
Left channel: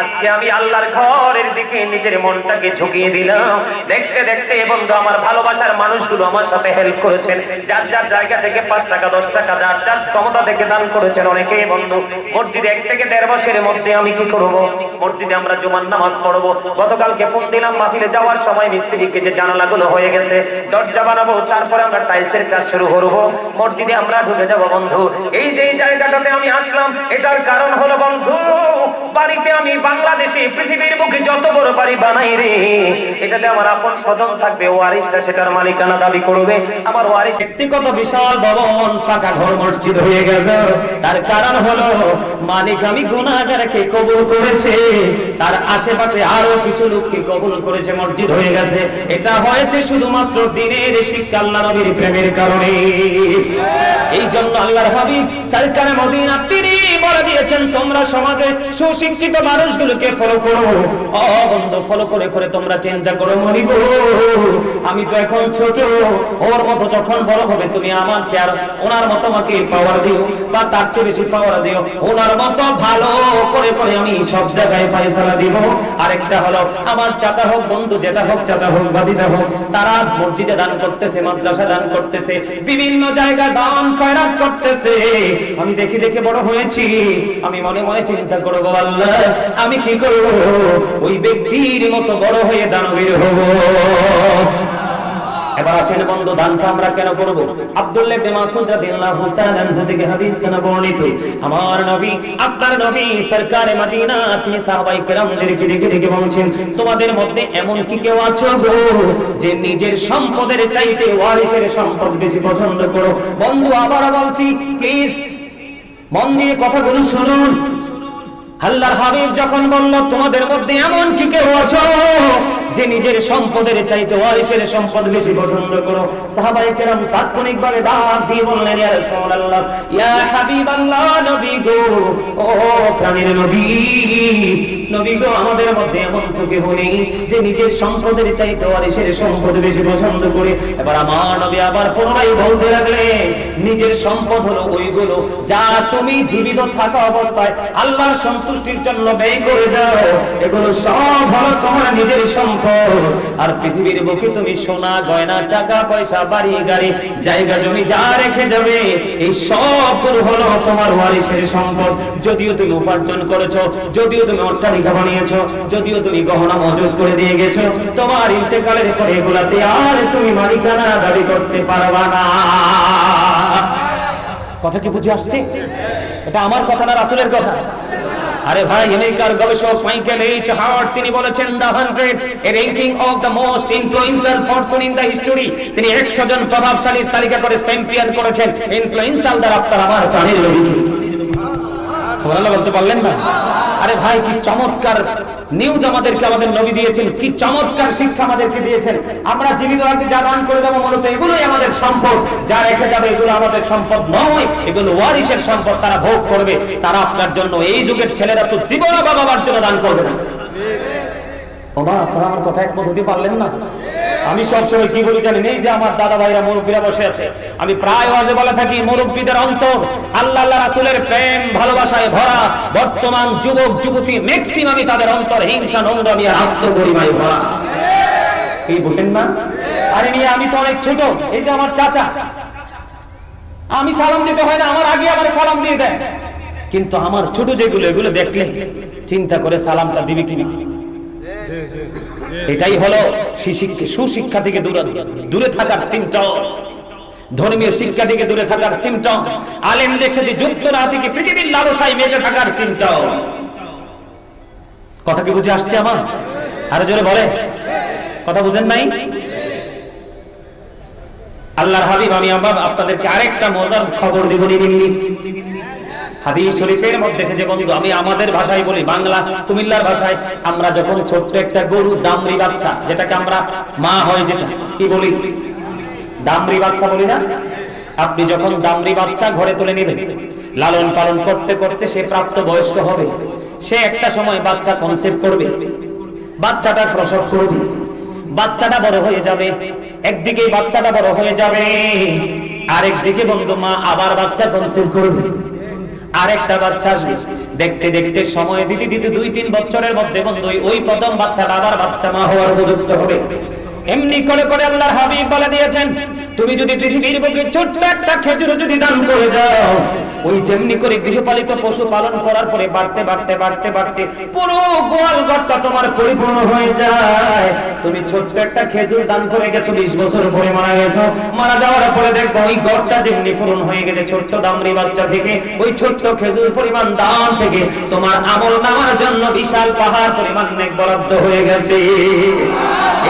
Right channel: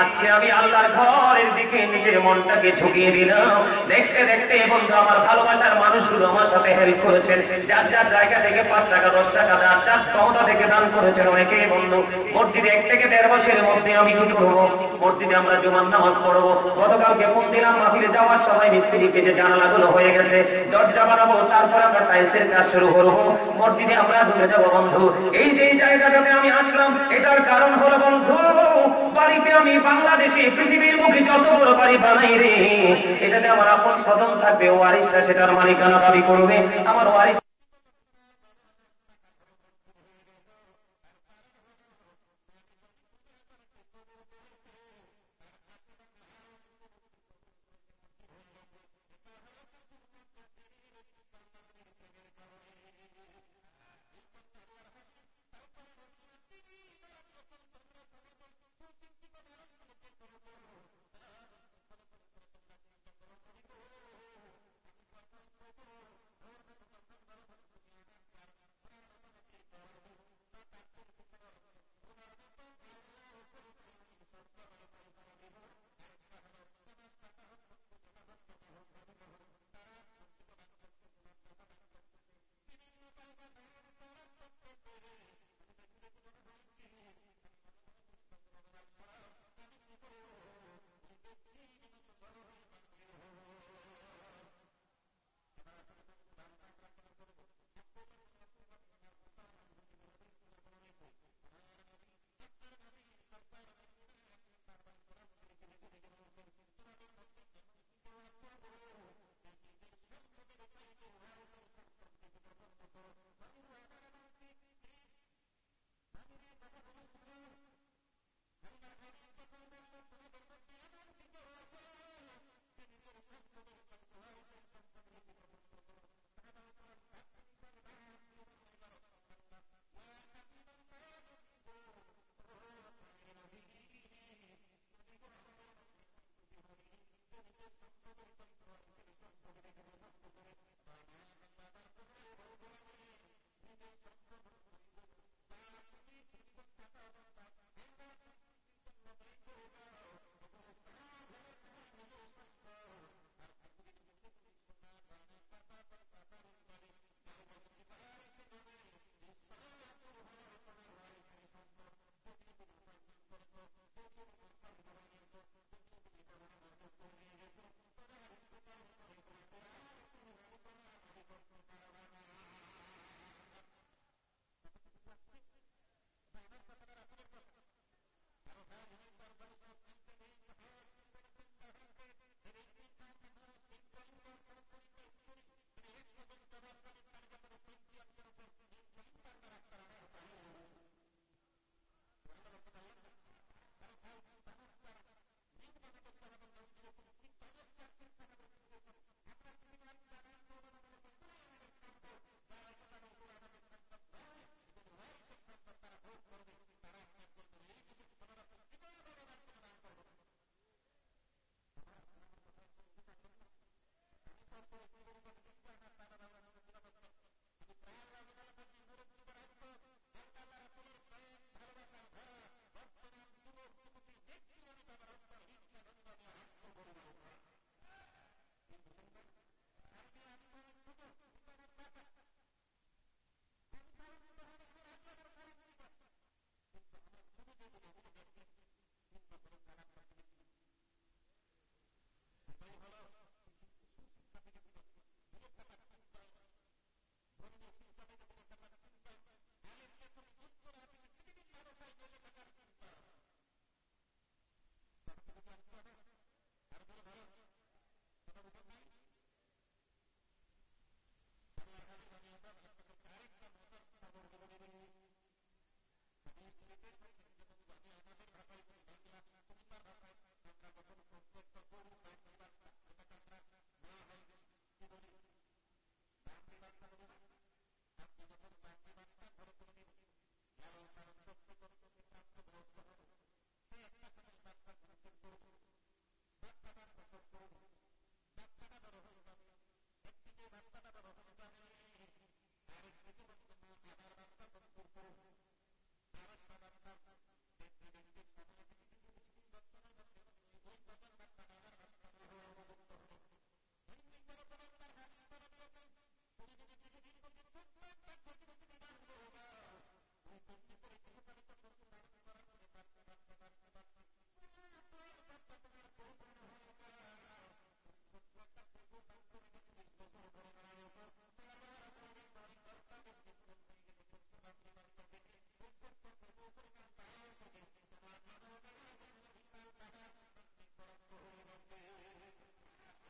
আজকে আমি আল্লাহর ঘরের দিকে নিজের মনটাকে ঝুঁকিয়ে দিলাম। দেখতে দেখতে বন্ধু, আমার ভালোবাসার মানুষগুলো আমার সাথে হেল্প করেছেন, যার যার জায়গা থেকে 5 টাকা 10 টাকা যার যার ক্ষমতা থেকে দান করেছেন অনেকে। বন্ধু, মসজিদে 1 থেকে 1.5 মাসের মধ্যে আমি কি করব? মসজিদে আমরা জুমার নামাজ পড়বো। গতকালকে ফোন দিলাম, মাহফিলে যাওয়ার সময় মিস্ত্রিকে যে জানালাগুলো হয়ে গেছে, দরজা বানাবো, তারপরে আমরা টাইলসের কাজ শুরু করবো, মসজিদে আমরা ঢুকে যাবো। বন্ধু, এই যে জায়গাটাতে আমি আসলাম, এটার কারণ হলো বন্ধু, বাড়িতে আমি বাংলাদেশে পৃথিবীর বুকে যত বড় বাড়ি বানাই রে, এটাতে আমার আপন স্বজন থাকবে, ওয়ারিসরা সেটার মালিকানা দাবি করবে। আমার ওয়ারিস ব্যক্তিগত বিশাল ভবন, পাকা ঘর, মসজিদ হয়ে গেছে। তার কারণ হলো মালিক আমি গুনাহগারকে কবুল করেছে, তার আশেপাশে আরো কিছু লোককে কবুল করেছে, মসজিদ হয়ে গেছে। এটা হয়েছে শুধুমাত্র দিনের দিনের শিক্ষা আল্লাহ নবীর প্রেমের কারণে। এই জন্য আল্লাহর হাবিব সরকারে মদিনা তিনি বলে দিয়েছেন, তোমরা সমাজে সুশিক্ষিত মানুষগুলোকে ফলো করো। ও বন্ধু, ফলো করে করে তোমরা চিন্তা করো, মরিব আমি তো এখন ছোট, ওর মতো যখন বড় হবে তুমি আমার চেয়ার ওনার মতো আমাকে পাওয়ার দিও, বা তার চেয়ে বেশি পাওয়ার দিও, ওনার মতো ভালো করে করে আমি সব জায়গায় ফায়সালা দিব। আরেকটা হলো, আমার চাচা হোক, বন্ধু যেটা হোক, চাচা হোক, ভাতিজা হোক, তারা মসজিদে দান করতেছে, মাদ্রাসা দান করতেছে, বিভিন্ন জায়গায় দান খয়রাত করতেছে। আমি দেখে দেখে বড় হয়েছি, আমি মনে মনে চিন্তা করবো, আল্লাহ আমি কি করব, ওই ব্যক্তির মতো বড় হয়ে দানবীর হব। এবার আসেন বন্ধু, দানটা আমরা কেন করব? আব্দুল্লাহ ইবনে মাসউদ রাদিয়াল্লাহু তাআলা আনহু থেকে হাদিস কেন বর্ণিত, আমার নবী, আপনার নবী সরকারে মদিনা তিনি সাহাবায়ে কেরামদেরকে ডেকে ডেকে বলছেন, তোমাদের মধ্যে এমন কি কেউ আছো গো যে নিজের সম্পদের চাইতে ওয়ারিসের সম্পদ বেশি পছন্দ করো? বন্ধু আবার বলছি, প্লিজ মন দিয়ে কথাগুলো শুনুন। আল্লাহর হাবিব যখন বলল, তোমাদের মধ্যে এমন কি কেউ আছো যে নিজের সম্পদের চাইতে ওয়ারিসের সম্পদ বেশি পছন্দ করো? সাহাবায়ে কেরাম তাৎক্ষণিকভাবে ডাক দিয়ে বললেন, ইয়া রাসূলুল্লাহ, ইয়া হাবিবাল্লাহ, নবী গো, ও প্রাণের নবী, নবী গো, আমাদের মধ্যে এমন তো কেউ নেই যে নিজের সম্পদের চাইতে ওয়ারিসের সম্পদ বেশি পছন্দ করে। এবার আমার নবী আবার পুনরায় বলতে লাগলেন, নিজের সম্পদ হলো ওইগুলো যা তুমি জীবিত থাকা অবস্থায় আল্লাহর সন্তুষ্টির জন্য ব্যয় করে যাও, এগুলো সব হলো তোমার নিজের সম্পদ। আর পৃথিবীর বুকে তুমি সোনা গয়না টাকা পয়সা বাড়ি গাড়ি জায়গা জমি যা রেখে যাবে, এই সবগুলো হলো তোমার ওয়ারিসের সম্পদ। যদিও তুমি উপার্জন করেছো, যদিও তুমি অট্টালিকা বানিয়েছো, যদিও তুমি গহনা মজুদ করে দিয়ে গেছো, তোমার ইন্তেকালের পরে এগুলাতে আর তুমি মালিকানা দাবি করতে পারবা না। কথা কি বুঝে আসছে? এটা আমার কথা না, রাসূলের কথা। আরে ভাই, আমেরিকার গবেষক মাইকেল এইচ হাওয়ার্ড তিনি বলেছেন, the 100 A ranking of the most ইনফ্লুয়েন্সাল person in the history, তিনি 100 জন প্রভাবশালীর তালিকা করে চ্যাম্পিয়ন করেছেন ইনফ্লুয়েন্সাল দ্বারা আপনার আমার প্রাণের নবীকে। সুবহানাল্লাহ বলতে পারলেন না? আরে ভাই, কি চমৎকার নিউজ আমাদেরকে আমাদের নবী দিয়েছেন, কি চমৎকার শিক্ষা আমাদেরকে দিয়েছেন। আমরা জীবিত থাকতে যা দান করে দেবো মূলত এগুলোই আমাদের সম্পদ, যা রেখে যাবে এগুলো আমাদের সম্পদ নয়, এগুলো ওয়ারিসের সম্পদ, তারা ভোগ করবে। তারা আপনার জন্য, এই যুগের ছেলেরা তো জীবন বাবার জন্য দান করবে না। বাবা, আপনারা আমার কথা একমত হতে পারলেন না? আমি সবসময় কি বলি জানেন, এই যে আমার দাদা ভাইরা মুরব্বীরা বসে আছে, আমি প্রায় ওয়াজে বলে থাকি, মুরব্বীদের অন্তর আল্লাহ আল্লাহ রাসূলের প্রেম ভালোবাসায় ভরা। বর্তমান যুবক যুবতী ম্যাক্সিমামই তাদের অন্তর হিংসা নোংরামি আর আত্মগরিমায় ভরা। এই বুঝেন না? আরে মিয়া, আমি তো অনেক ছোট, এই যে আমার চাচা, আমি সালাম দিতে হয় না, আমার আগে আমার সালাম দিয়ে দেয়, কিন্তু আমার ছোট যেগুলো, এগুলো দেখলে চিন্তা করে সালামটা দিবি কিনা। এটাই হলো সুশিক্ষা থেকে দূরে থাকার সিমটম, ধর্মীয় শিক্ষা থেকে দূরে থাকার সিমটম, আলেমদের সাথে যুক্ত না থেকে পৃথিবীর লালসায় মেতে থাকার সিমটম। কথা কি বুঝে আসছে আমার? আরো জোরে বলে, কথা বুঝেন নাই? আল্লাহর হাবিব, আমি আপনাদেরকে আরেকটা মজার খবর দিব। হাদিস শরীফের মধ্যে এসেছে বন্ধু, আমি আমাদের ভাষায় বলি, বাংলা কুমিল্লার ভাষায়, আমরা যখন ছোট্ট একটা গরু দামরি বাচ্চা, যেটাকে আমরা মা হয় যেটা কি বলি, দামরি বাচ্চা বলি না? আপনি যখন দামরি বাচ্চা ঘরে তুলে নেবেন, লালন পালন করতে করতে সে প্রাপ্ত বয়স্ক হবে, সে একটা সময় বাচ্চা কনসেপ্ট করবে, বাচ্চাটার প্রসব করবে, বাচ্চাটা বড় হয়ে যাবে, একদিকে বাচ্চাটা বড় হয়ে যাবে, আরেকদিকে বন্ধু মা আবার বাচ্চা কনসেপ্ট করবে, আরেকটা বাচ্চা আসবে, দেখতে দেখতে সময় দিতে দিতে 2-3 বছরের মধ্যে বন্ধু ওই প্রথম বাচ্চাটা আবার বাচ্চা মা হওয়ার উপযুক্ত হবে। এমনি করে করে আল্লাহর হাবিব বলে দিয়েছেন, তুমি যদি পৃথিবীর বুকে ছোট্ট একটা খেজুর যদি দান করে যাও, ওই যেমনি করে গৃহপালিত পশু পালন করার পরে বাড়তে বাড়তে বাড়তে বাড়তে পুরো গোয়াল ঘরটা তোমার পরিপূর্ণ হয়ে যায়। তুমি ছোট্ট একটা খেজুর দান করে গেছো, 20 বছর পরে মারা গেছো, মারা যাওয়ার পরে দেখবো ওই ঘরটা যেমনি পূরণ হয়ে গেছে ছোট্ট দামরি বাচ্চা থেকে, ওই ছোট্ট খেজুর পরিমাণ দান থেকে তোমার আমল নামার জন্য বিশাল পাহাড় পরিমাণ নেক বরাদ্দ হয়ে গেছে।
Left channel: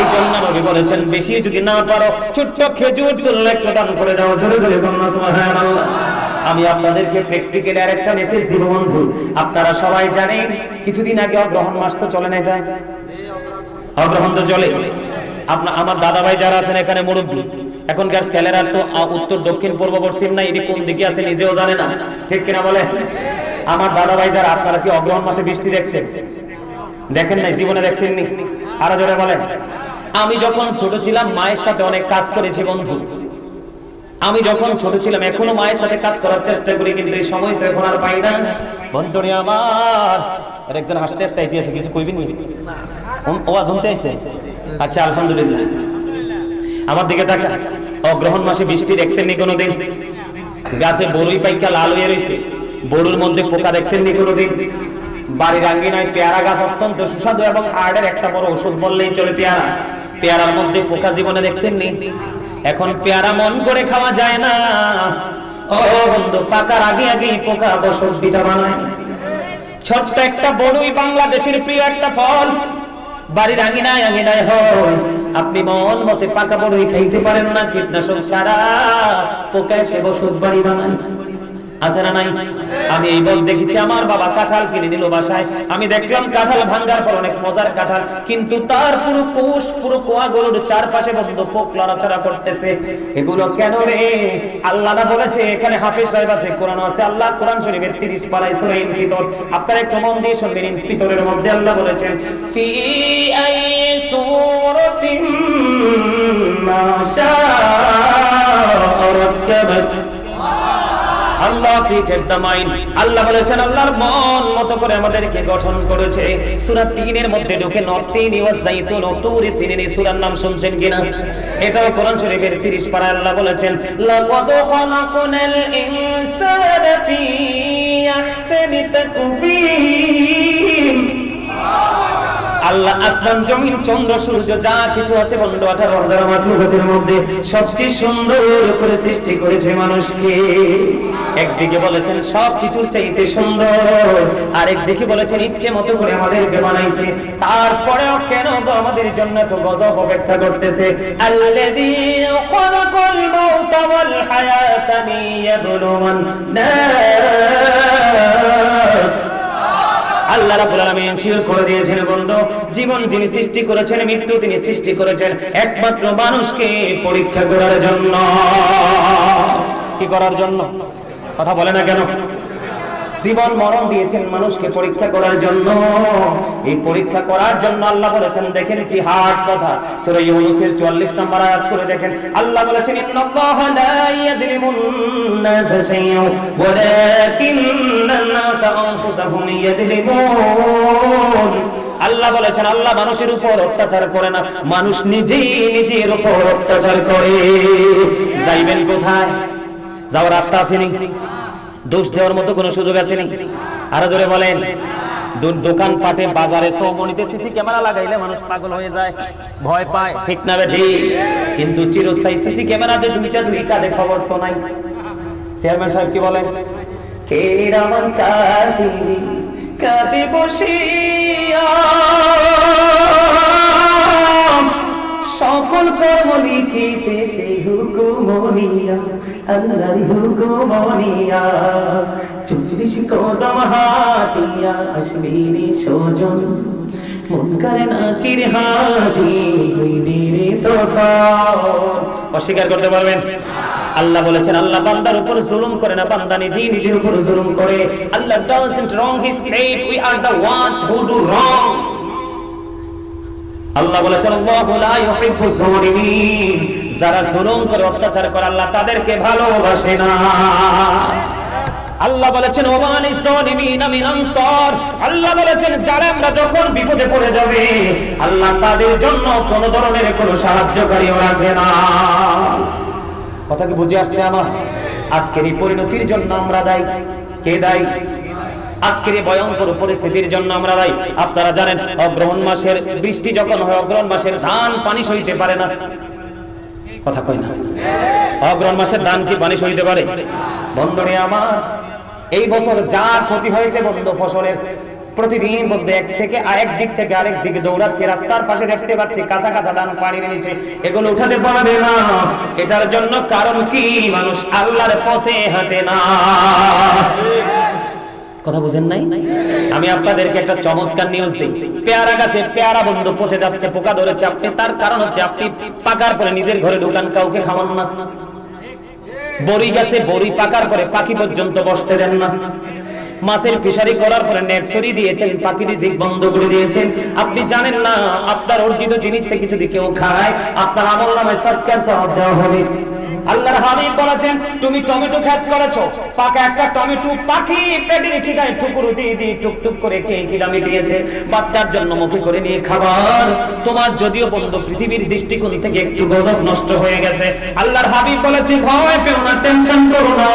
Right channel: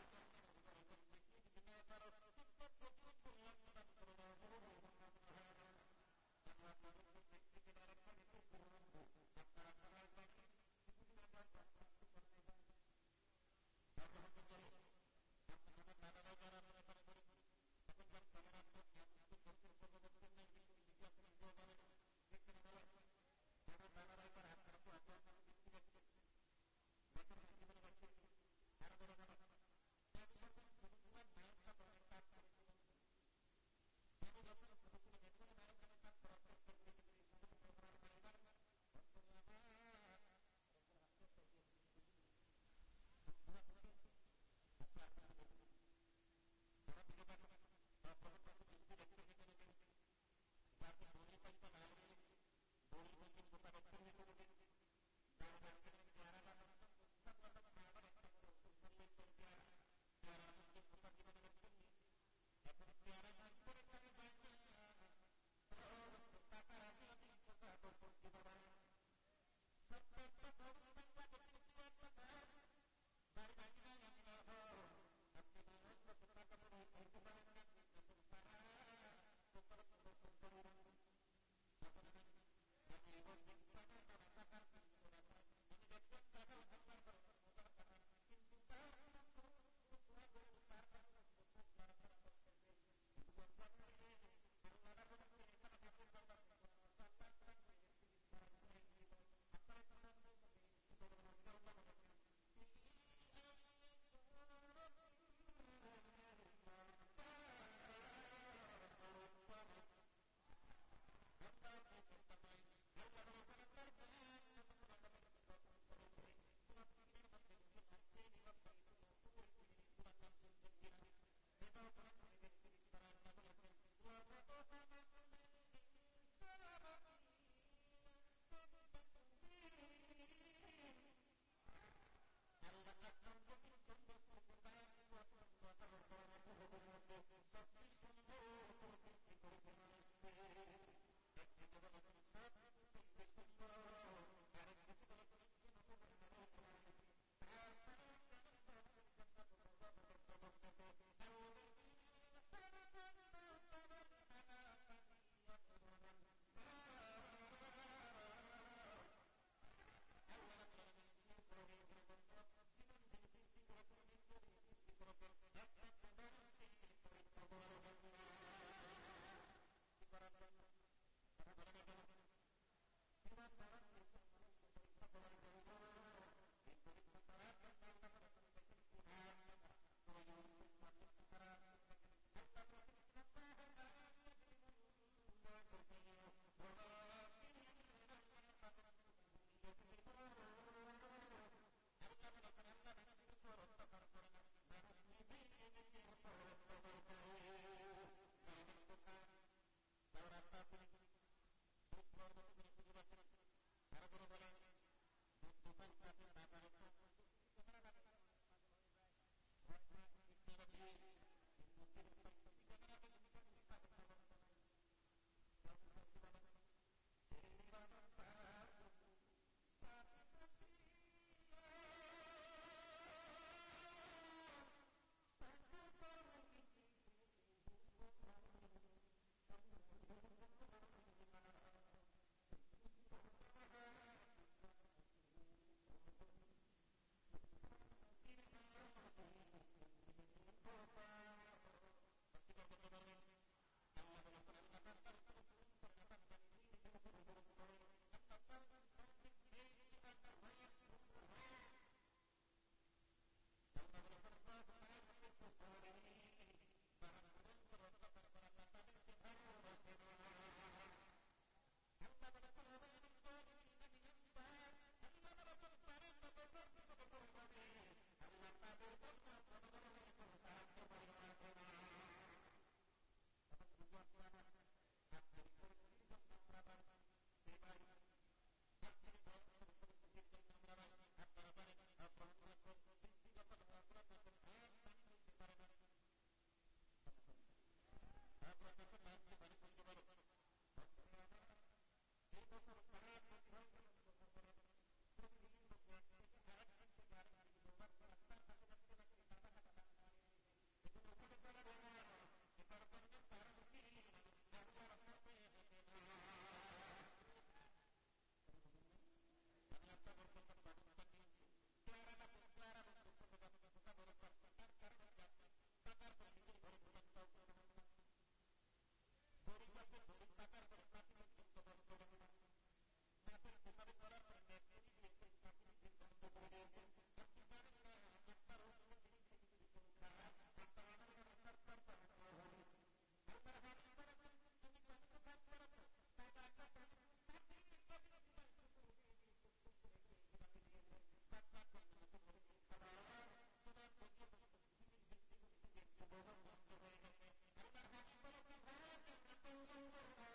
এই জন্য নবী বলেছেন, বেশি যদি না পারো ছোট্ট খেজুর তুললে একটু দান করে যাও। জোরে জোরে সুবহানাল্লাহ। আমি আপনাদেরকে প্র্যাকটিক্যালি আরেকটা মেসেজ দিব বন্ধু, আপনারা সবাই জানেন কিছুদিন আগে অগ্রহণ মাস তো চলে না, এটা অগ্রহণ তো চলে। আমার দাদা ভাই যারা আছেন এখানে মুরব্বী, এখনকার ছেলেরা তো উত্তর দক্ষিণ পূর্ব পশ্চিম না, এটি কোন দিকে আছে নিজেও জানে না, ঠিক কিনা বলে? আমার দাদা ভাই যারা, আপনারা কি অগ্রহণ মাসে বৃষ্টি দেখছেন? দেখেন নাই? জীবনে দেখছেন নি? আরো জোরে বলেন। আমি যখন ছোট ছিলাম মায়ের সাথে অনেক কাজ করেছি বন্ধু। আমি যখন ছোট ছিলাম, এখনো মায়ের সাথে কাজ করার চেষ্টা করি, কিন্তু এই সময় তো এখন আর পাই না বন্ধুরে আমার। একজন হাসতে হাসতে আইতেছে, কিছু কইবেন নি? ওয়াজ শুনতে আইছে? আচ্ছা, আলহামদুলিল্লাহ। আমার দিকে তাকা। অগ্রহণ মাসে বৃষ্টি দেখছেন নি কোনোদিন? গাছে বড়ই পাইকা লাল হয়ে রয়েছে, বড়ুর মধ্যে পোকা দেখছেন নি কোনোদিন? বাড়ির আঙ্গিনায় পেয়ারা গাছ অত্যন্ত সুস্বাদু এবং হাড়ের একটা বড় ওষুধ বললেই চলে পেয়ারা। পেয়ারার মধ্যে পোকা জীবনে দেখছেন নি? এখন পেয়ারা মন করে খাওয়া যায় না ও বন্ধু, পাকার আগে আগেই পোকা বসত পিঠা বানায়। ছোট্ট একটা বড়ই বাংলাদেশের প্রিয় একটা ফল, বাড়ির আঙিনায় আঙিনায় হয়। আপনি মন মতে পাকা বড়ই খাইতে পারেন না, কীটনাশক ছাড়া পোকা এসে বসত বাড়ি বানায়। আছে না নাই? আমি এই বল দেখেছি, আমার বাবা কাঁঠাল কিনে নিল বাসায়। আমি দেখলাম কাঁঠাল ভাঙ্গার পর অনেক মজার কাঁঠাল, কিন্তু তার পুরো কোষ, পুরো কোয়াগুলোর চারপাশে বন্ধু পোক লড়াচড়া করতেছে। এগুলো কেন রে? আল্লাহ না বলেছে? এখানে হাফেজ সাহেব আছে, কোরআন আছে। আল্লাহ কোরআন শরীফের 30 পারায় সূরা ইনফিতর, আপনারা একটু মন দিয়ে শুনবেন। ইনফিতরের মধ্যে আল্লাহ বলেছেন, ফি আই সূরাতিন মা শাআ রাক্কাবাক। আল্লাহ ক্রিয়েটেড দ্য মাইন্ড। আল্লাহ বলেছেন আল্লাহর মন মতো করে আমাদেরকে গঠন করেছে। সূরা 3 এর মধ্যে ঢুকে নতিন ওয়া যাইতুন ও তুর সিনিন, সূরার নাম শুনছেন কিনা? এটাও কোরআন শরীফের 30 পারায় আল্লাহ বলেছেন, লাকাদ খালাকনাল ইনসানা ফি আহসানি তাকবীর। আল্লাহ আসমান জমিন চন্দ্র সূর্য যা কিছু আছে বন্ধু 18,000 মাখলুকাতের মধ্যে সবচেয়ে সুন্দর করে সৃষ্টি করেছে মানুষকে। একদিকে বলেছেন সবকিছুর চাইতে সুন্দর, আর একদিকে বলেছেন ইচ্ছে মতো করে আমাদেরকে বানাইছে। তারপরেও কেন গো আমাদের জন্য তো গজব অপেক্ষা করতেছে? আল্লাযী খালাকাল মাউতা ওয়াল হায়াতা লিয়াবলুওয়ান নাস। আল্লাহ রাব্বুল আলামিন শিওর করে দিয়েছেন বন্ধু, জীবন যিনি সৃষ্টি করেছেন, মৃত্যু তিনি সৃষ্টি করেছেন একমাত্র মানুষকে পরীক্ষা করার জন্য। কি করার জন্য? কথা বলে না কেন? জীবন মরণ দিয়েছেন মানুষকে পরীক্ষা করার জন্য। এই পরীক্ষা করার জন্য আল্লাহ বলেছেন, দেখেন কি হার্ড কথা, সূরা ইউনূসের 44 নম্বর আয়াত করে দেখেন। আল্লাহ বলেছেন, ইন্নাল্লাহা লা ইয়াযলিমুন নাসা শাইআন ওয়ালাকিন্নান নাসা আনফুসাহুম ইয়াযলিমুন। আল্লাহ বলেছেন আল্লাহ মানুষের উপর অত্যাচার করে না, মানুষ নিজেই নিজের উপর অত্যাচার করে। যাইবেন কোথায়? যাওয়ার রাস্তা আছে নি? দোষ দেওয়ার মতো কোনো সুযোগ আছে নি? আরো জোরে বলেন। দোকান পাটে বাজারে সৌমনিতে সিসি ক্যামেরা লাগাইলে মানুষ পাগল হয়ে যায়, ভয় পায়, ঠিক না বেঠি? কিন্তু চিরস্থায়ী সিসি ক্যামেরা যে দুইটা দুই কাঁধে, খবর তো নাই। চেয়ারম্যান সাহেব কি বলেন? কে রামান কাঁদিনি কাঁদে বসিয়া, সকল কর্ম লিখিতেছে হুকুমনিয়া, আল্লাহর হুকুমনিয়া। 44 কদম হাটিয়া আসবিনি সজন, মুনকার নাকির হাজি হইবে রে তখন। অস্বীকার করতে পারবেন? আল্লাহ বলেছেন আল্লাহ বান্দার উপর জুলুম করে না, বান্দা নিজেই নিজের উপর জুলুম করে। আল্লাহ doesn't wrong his slave, we are the ones who do wrong. আল্লাহ বলেছেন আল্লাহু লা ইউহিব্বু যালিমিন, যারা জুলুম করে অত্যাচার করে আল্লাহ তাদেরকে ভালোবাসে না। আল্লাহ বলেছেন ওয়ামানি যালিমিনা মিন আনসার, আল্লাহ বলেছেন জালেমরা যখন বিপদে পড়ে যাবে আল্লাহ তাদের জন্য কোন ধরনের কোনো সাহায্যকারীও রাখে না। কথা কি বুঝে আসছে আমার? আজকের এই পরিণতির জন্য আমরা দায়ী। কে দায়ী? আজকের এই ভয়ঙ্কর পরিস্থিতির জন্য আমরা দায়ী। আপনারা জানেন অগ্রহণ মাসের বৃষ্টি যখন হয়, অগ্রহণ মাসের ধান পানি সইতে পারে না। কথা কয় না? অগ্রহণ মাসের ধান কি পানি সইতে পারে? বন্ধুরে আমার, এই বছর যা ক্ষতি হয়েছে বন্ধু ফসলের, প্রতিদিন মধ্যে এক দিক থেকে আরেক দিকে দৌড়াচ্ছে, রাস্তার পাশে দেখতে পাচ্ছি কাঁচা কাঁচা ধান পানির নিচে, এগুলো উঠাতে পারবে না। এটার জন্য কারণ কি? মানুষ আল্লাহর পথে হাঁটে না। কথা বুঝেন নাই? আমি আপনাদেরকে একটা চমৎকার নিউজ দিই। পেয়ারা গাছে পেয়ারা বন্ধু পচে যাচ্ছে, পোকা ধরেছে, আপনি তার কারণ হচ্ছে আপনি পাকার পরে নিজের ঘরে ঢুকান, কাউকে খাওয়ান না। বড়ি গাছে বড়ি পাকার পরে পাখি পর্যন্ত বসতে দেন না। মাছের ফিশারি করার পরে নেট ছড়িয়ে দিয়েছেন, পাখির রিজিক বন্ধ করে দিয়েছেন। আপনি জানেন না আপনার অর্জিত জিনিস থেকে যদি কেউ খায় আপনার আমলনামায় সাদকার সওয়াব দেওয়া হবে। আল্লাহর হাবিব বলেছেন তুমি টমেটো ক্ষেত করেছো, পাকা একটা টমেটো পাখি পেটে রেখে গায়ে ঠুকুর দিয়ে দিয়ে টুকটুক করে খেয়ে খিদা মিটিয়েছে, বাচ্চার জন্য মুখে করে নিয়ে খাবার। তোমার যদিও বন্ধু পৃথিবীর দৃষ্টিকোণ থেকে একটু গজব নষ্ট হয়ে গেছে, আল্লাহর হাবিব বলেছে ভয় পেও না, টেনশন করো না,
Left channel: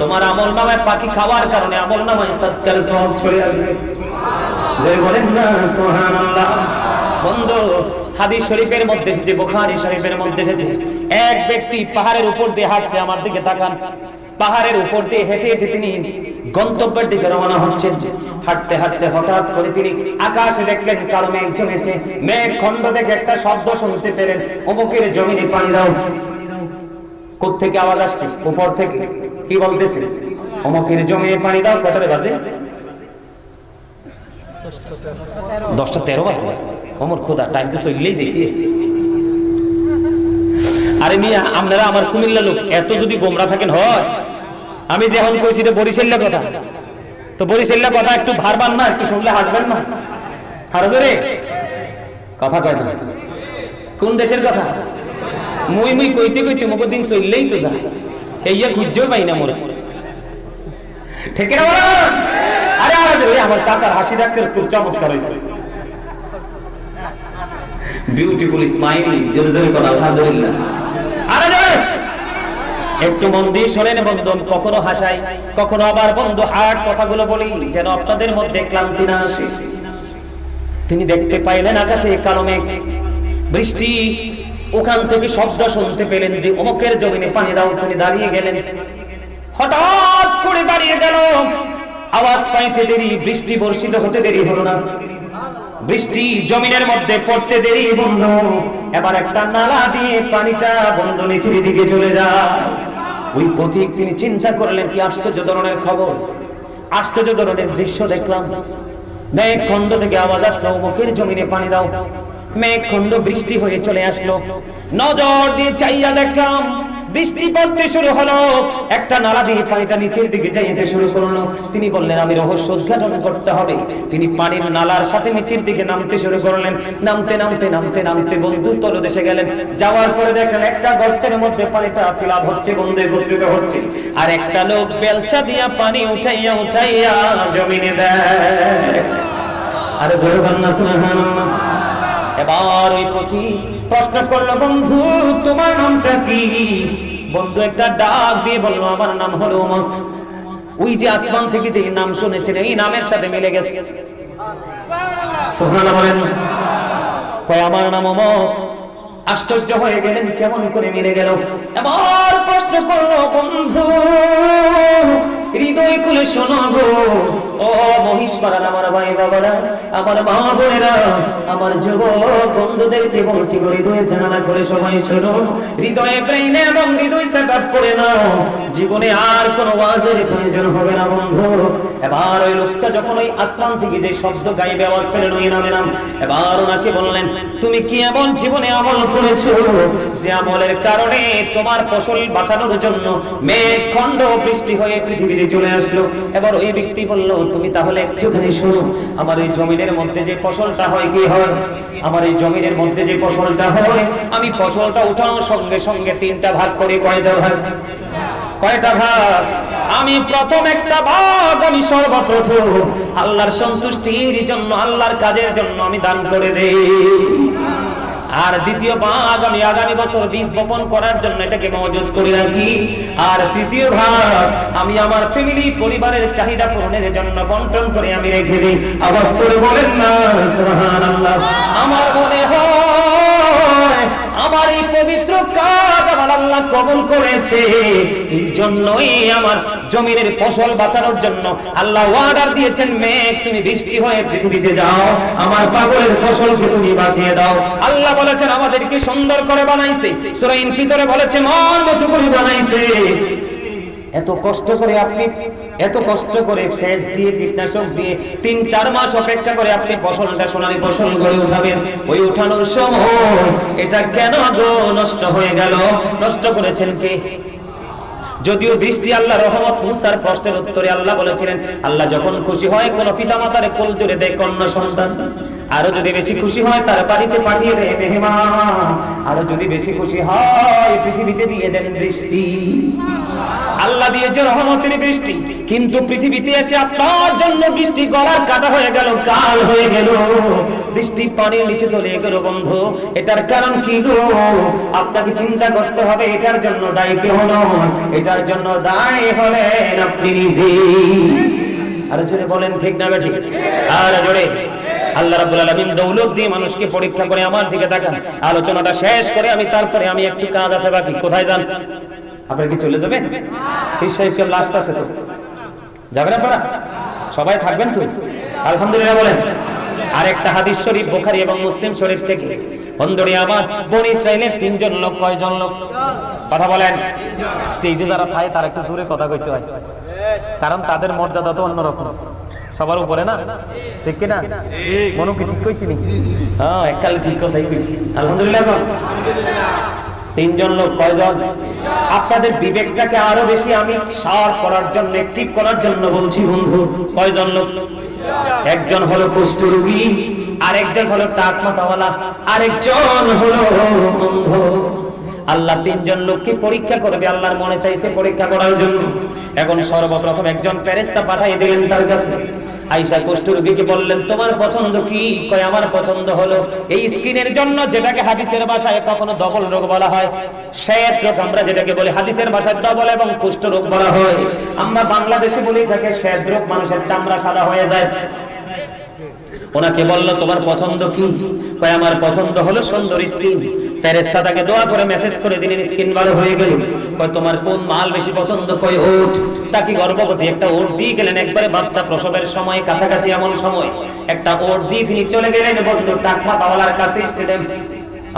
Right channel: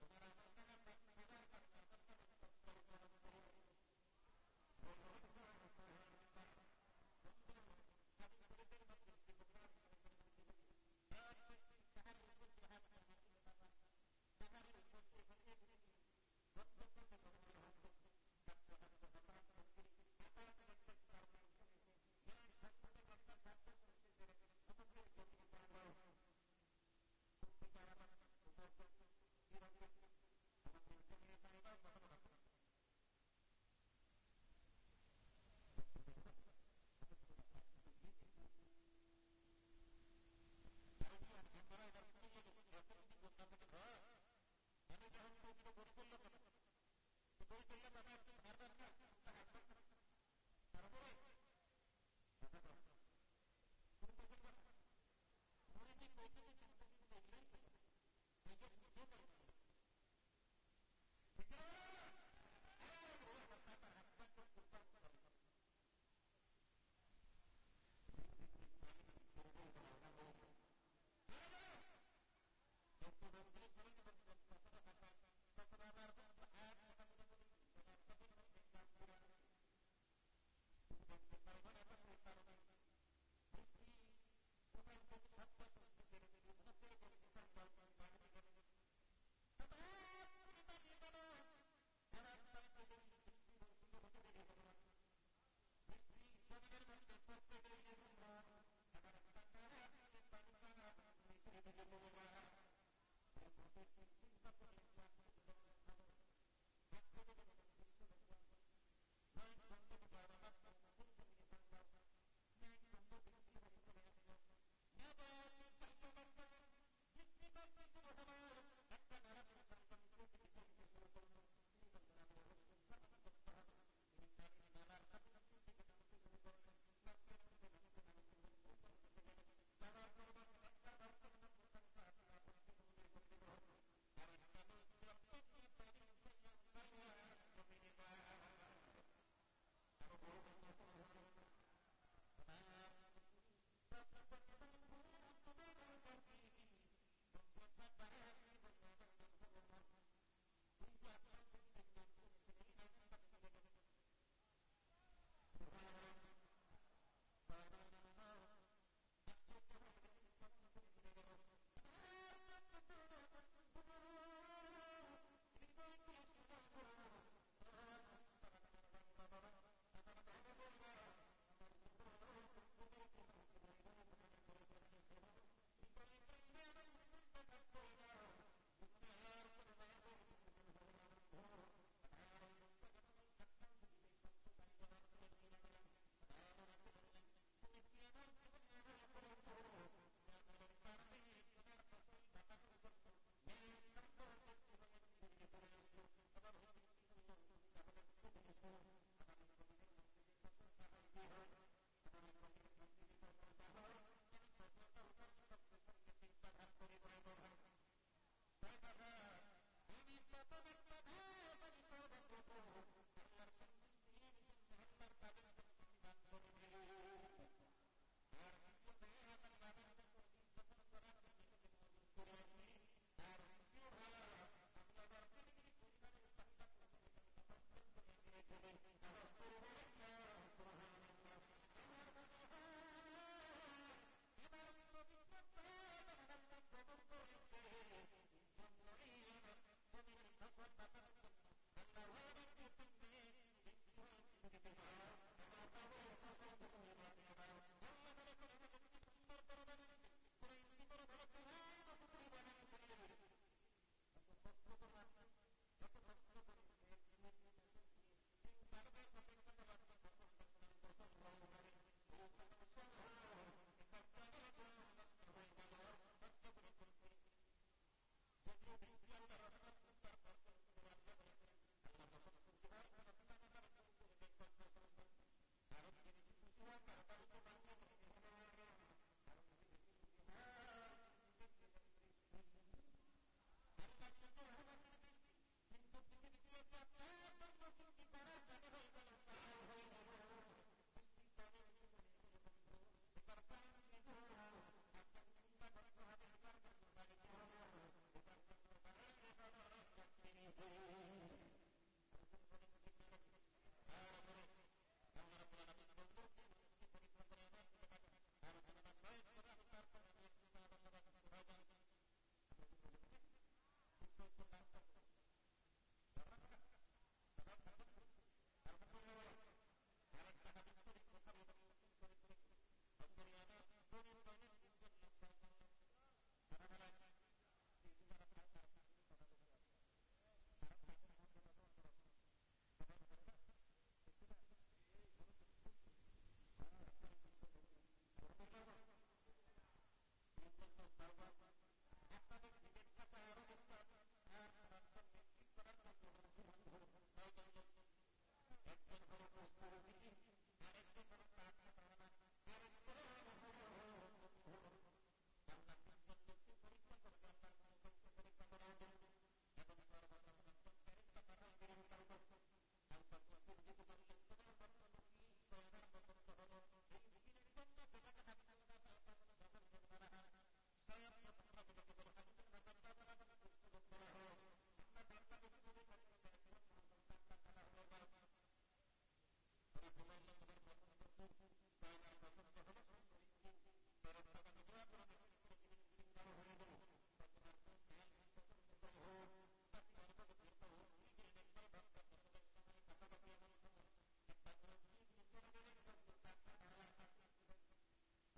তোমার আমলনামায় পাখি খাওয়ার কারণে আমলনামায় সাদকার সওয়াব চলে আসবে। জয় বলেন না সুবহানাল্লাহ। বন্ধু হাদিস শরীফের মধ্যে এসেছে, বুখারী শরীফের মধ্যে এসেছে, এক ব্যক্তি পাহাড়ের উপর দিয়ে হাঁটছে, আমার দিকে তাকান, পাহাড়ের উপর দিয়ে হেঁটে হেঁটে তিনি গন্তব্যের দিকে রওনা হচ্ছেন। হাঁটতে হাঁটতে হঠাৎ করে তিনি আকাশে দেখলেন কালো মেঘ জমেছে, মেঘ খণ্ড থেকে একটা শব্দ শুনতে পেলেন, অমুকের জমিনে পানি দাও। কোত্থেকে আওয়াজ আসছে? উপর থেকে। কি বলতেছে? অমুকের জমিনে পানি দাও। কতটা বাজে? 10:13 বাজে। অমর খোদা, টাইম তো চললেই যেতেছে। আরে মিয়া আপনারা আমার কুমিল্লা লোক, এত যদি গোমরা থাকেন হয়। আমি যখন কইছি এটা বরিশালের কথা, তো বরিশালের কথা একটু ভারবান না, একটু শুনলে হাসবেন না? হারজরে কথা কয় না। কোন দেশের কথা? মুই মুই কইতে কইতে মুখের দিন চললেই তো যা, এইয়া খুঁজেও পাই না মোরে। ঠিক না বলো? আরে হারজরে আমার চাচার হাসি ডাক্তার খুব চমৎকার হয়েছে। বিউটিফুল স্মাইল, জোরে জোরে করে আলহামদুলিল্লাহ। আরে জোরে একটু মন দিয়ে শোনেন বন্ধু, কখনো হাসাই কখনো আবার বন্ধু হার্ট কথাগুলো বলি যেন আপনাদের মধ্যে ক্লান্তি না আসে। তিনি দেখতে পাইলেন আকাশে কালো মেঘ, বৃষ্টি, ওখান থেকে শব্দ শুনতে পেলেন যে অমুকের জমিনে পানি দাও। তিনি দাঁড়িয়ে গেলেন, হঠাৎ করে দাঁড়িয়ে গেল, আওয়াজ পাইতে দেরি, বৃষ্টি বর্ষিত হতে দেরি হলো না, বৃষ্টি জমিনের মধ্যে পড়তে দেরি বন্ধু। এবার একটা নালা দিয়ে পানিটা বন্ধু নিচের দিকে চলে যায়। ওই পথিক তিনি চিন্তা করলেন কি আশ্চর্য ধরনের খবর, আশ্চর্য ধরনের দৃশ্য দেখলাম। মেঘ খণ্ড থেকে আওয়াজ আসলো, মুখের জমিনে পানি দাও। মেঘ খণ্ড বৃষ্টি হয়ে চলে আসলো। নজর দিয়ে চাইয়া দেখলাম বৃষ্টি পড়তে শুরু হলো, একটা নালা দিয়ে পানিটা নিচের দিকে যাইতে শুরু করলো। তিনি বললেন আমি রহস্য উদ্ঘাটন করতে হবে। তিনি পানির নালার সাথে নিচের দিকে নামতে শুরু করলেন। নামতে নামতে নামতে নামতে বন্ধু তলদেশে গেলেন। যাওয়ার পরে দেখলেন একটা গর্তের মধ্যে পানিটা ফিলাপ হচ্ছে, বন্ধু একত্রিত হচ্ছে, আর একটা লোক বেলচা দিয়া পানি উঠাইয়া উঠাইয়া জমিনে দেয়। আরে জোরে বলেন না সুবহানাল্লাহ। এবার ওই পথি প্রশ্ন করলো বন্ধু তোমার নামটা কি? বন্ধু একটা ডাক দিয়ে বলল আমার নাম হলো অমুক। ওই যে আসমান থেকে যে নাম শুনেছেন এই নামের সাথে মিলে গেছে। সুবহানাল্লাহ বলেন। কয় আমার নাম অমুক। আশ্চর্য হয়ে গেলেন কেমন করে মিলে গেল। এবার প্রশ্ন করলো বন্ধু হৃদয় খুলে শোনো গো, ও মহিষপাড়ার আমার ভাই বাবারা, আমার মা বোনেরা, আমার যুবক বন্ধুদেরকে বলছি গো, হৃদয়ে জানালা করে সবাই শোনো, হৃদয়ে ব্রেইনে এবং হৃদয় সেটআপ করে নাও, জীবনে আর কোনো ওয়াজের প্রয়োজন হবে না বন্ধু। এবার ওই লোকটা যখন ওই আসমান থেকে যে শব্দ গাইবে আওয়াজ পেলেন ওই নামে নাম, এবার ওনাকে বললেন তুমি কি এমন জীবনে আমল করেছো যে আমলের কারণে তোমার ফসল বাঁচানোর জন্য মেঘ খণ্ড বৃষ্টি হয়ে পৃথিবীতে চলে আসলো। এবার ওই ব্যক্তি বলল তুমি তাহলে একটুখানি শোনো, আমার এই জমিনের মধ্যে যে ফসলটা হয় কি হয়, আমার এই জমিনের মধ্যে যে ফসলটা হয় আমি ফসলটা উঠানোর সঙ্গে সঙ্গে তিনটা ভাগ করি। কয়টা ভাগ? কয়টা ভাগ? আমি প্রথম একটা ভাগ আমি সর্বপ্রথম আল্লাহর সন্তুষ্টির জন্য, আল্লাহর কাজের জন্য আমি দান করে দেই। আর দ্বিতীয় ভাগ আমি আগামী বছর বীজ বপন করার জন্য এটাকে মজুত করে রাখি। আর তৃতীয় ভাগ আমি আমার ফ্যামিলি পরিবারের চাহিদা পূরণের জন্য বন্টন করে আমি রেখে দিই। আওয়াজ করে বলেন না সুবহানাল্লাহ। আমার মনে হয় আমার এই পবিত্র কাজ আমার আল্লাহ কবুল করেছে, এই জন্যই আমার জমিনের ফসল বাঁচানোর জন্য আল্লাহ অর্ডার দিয়েছেন মেঘ তুমি বৃষ্টি হয়ে পৃথিবীতে যাও, আমার পাগলের ফসলকে তুমি বাঁচিয়ে দাও। আল্লাহ বলেছেন আমাদেরকে সুন্দর করে বানাইছে, সূরা ইনফিতরে বলেছে মন মতো করে বানাইছে। এত কষ্ট করে সেচ দিয়ে কীটনাশক দিয়ে 3-4 মাস অপেক্ষা করে আপনি ফসলটা সোনালী ফসল করে উঠাবেন, ওই উঠানোর সময় এটা কেন গো নষ্ট হয়ে গেল? নষ্ট করেছেন কে? যদিও বৃষ্টি আল্লাহ রহমত, মুসার প্রশ্নের উত্তরে আল্লাহ বলেছিলেন, আল্লাহ যখন খুশি হয় কোন পিতামাতারে কোল জুড়ে দেয় কন্যা সন্তান, আরো যদি বেশি খুশি হয় তার বাড়িতে পাঠিয়ে দেয় মেহমান, আরো যদি বেশি খুশি হয় পৃথিবীতে দিয়ে দেন বৃষ্টি। আল্লাহ দিয়েছে রহমতের বৃষ্টি, কিন্তু পৃথিবীতে এসে আপনার জন্য বৃষ্টি গলার কাটা হয়ে গেল, কাল হয়ে গেল, বৃষ্টি পানির নিচে তলিয়ে গেল। বন্ধু, এটার কারণ কি গো? আপনাকে চিন্তা করতে হবে। এটার জন্য দায়ী কেউ নয়, এটার জন্য দায়ী হলেন আপনি নিজে। আরো জোরে বলেন ঠিক না বেঠিক? আর জোরে। আল্লাহ রাব্বুল আলামিন দৌলত দিয়ে মানুষকে পরীক্ষা করে। আমার দিকে তাকান, আলোচনাটা শেষ করে তারপরে আমি একটু কাজ আছে বাকি। কোথায় যান? আপনারা কি চলে যাবেন? হিসাব লাস্ট আছে তো, যাবেন আপনারা? সবাই থাকবেন তো? আলহামদুলিল্লাহ বলেন। আরেকটা হাদিস শরীফ বুখারী এবং মুসলিম শরীফ থেকে। বন্ধুরে আমার, বনি ইসরাইলের 3 জন লোক, কয়জন লোক? কথা বলেন। স্টেজে যারা থাকে তারা একটু জোরে কথা কইতে হয়, কারণ তাদের মর্যাদা তো অন্যরকম, সবার উপরে না, ঠিক কি না? মনে কি ঠিক কইছি নি? হ্যাঁ, এককালে ঠিক কথাই কইছি। আলহামদুলিল্লাহ। 3 জন লোক, কয়জন? আপনাদের বিবেকটাকে আরো বেশি আমি শার্প করার জন্য, অ্যাক্টিভ করার জন্য বলছি বন্ধু। কয়জন লোক? একজন হলো কুষ্ঠরোগী, আরেকজন হলো টাক মাথাওয়ালা, আরেকজন হলো অন্ধ। আল্লাহ 3 জন লোককে পরীক্ষা করবে, আল্লাহর মনে চাইছে পরীক্ষা করার জন্য। এখন সর্বপ্রথম একজন ফেরেশতা পাঠিয়ে দিলেন তার কাছে। আয়েশা কুষ্ঠরোগীকে বললেন, তোমার পছন্দ কি? কয়, আমার পছন্দ হলো এই স্কিনের জন্য, যেটাকে হাদিসের ভাষায় কখনো ডবল রোগ বলা হয়, শ্বেত রোগ আমরা যেটাকে বলি, হাদিসের ভাষায় ডবল এবং কুষ্ঠ রোগ বলা হয়। আমরা বাংলাদেশে বলি এটাকে শ্বেত রোগ, মানুষের চামড়া সাদা হয়ে যায়। ওনাকে বলল, তোমার পছন্দ কি? কয়, আমার পছন্দ হলো সুন্দর স্কিন। ফেরেশতা তাকে দোয়া করে মেসেজ করে দিলেন, স্কিন ভালো হয়ে গেল। কয়, তোমার কোন মাল বেশি পছন্দ? কয়, ওট। তাকে গর্ভবতী একটা ওট দিয়ে গেলেন, একবারে বাচ্চা প্রসবের সময় কাছাকাছি এমন সময় একটা ওট দিয়ে তিনি চলে গেলেন বন্ধু টাক মাথাওয়ালার কাছে, স্টেডিয়াম।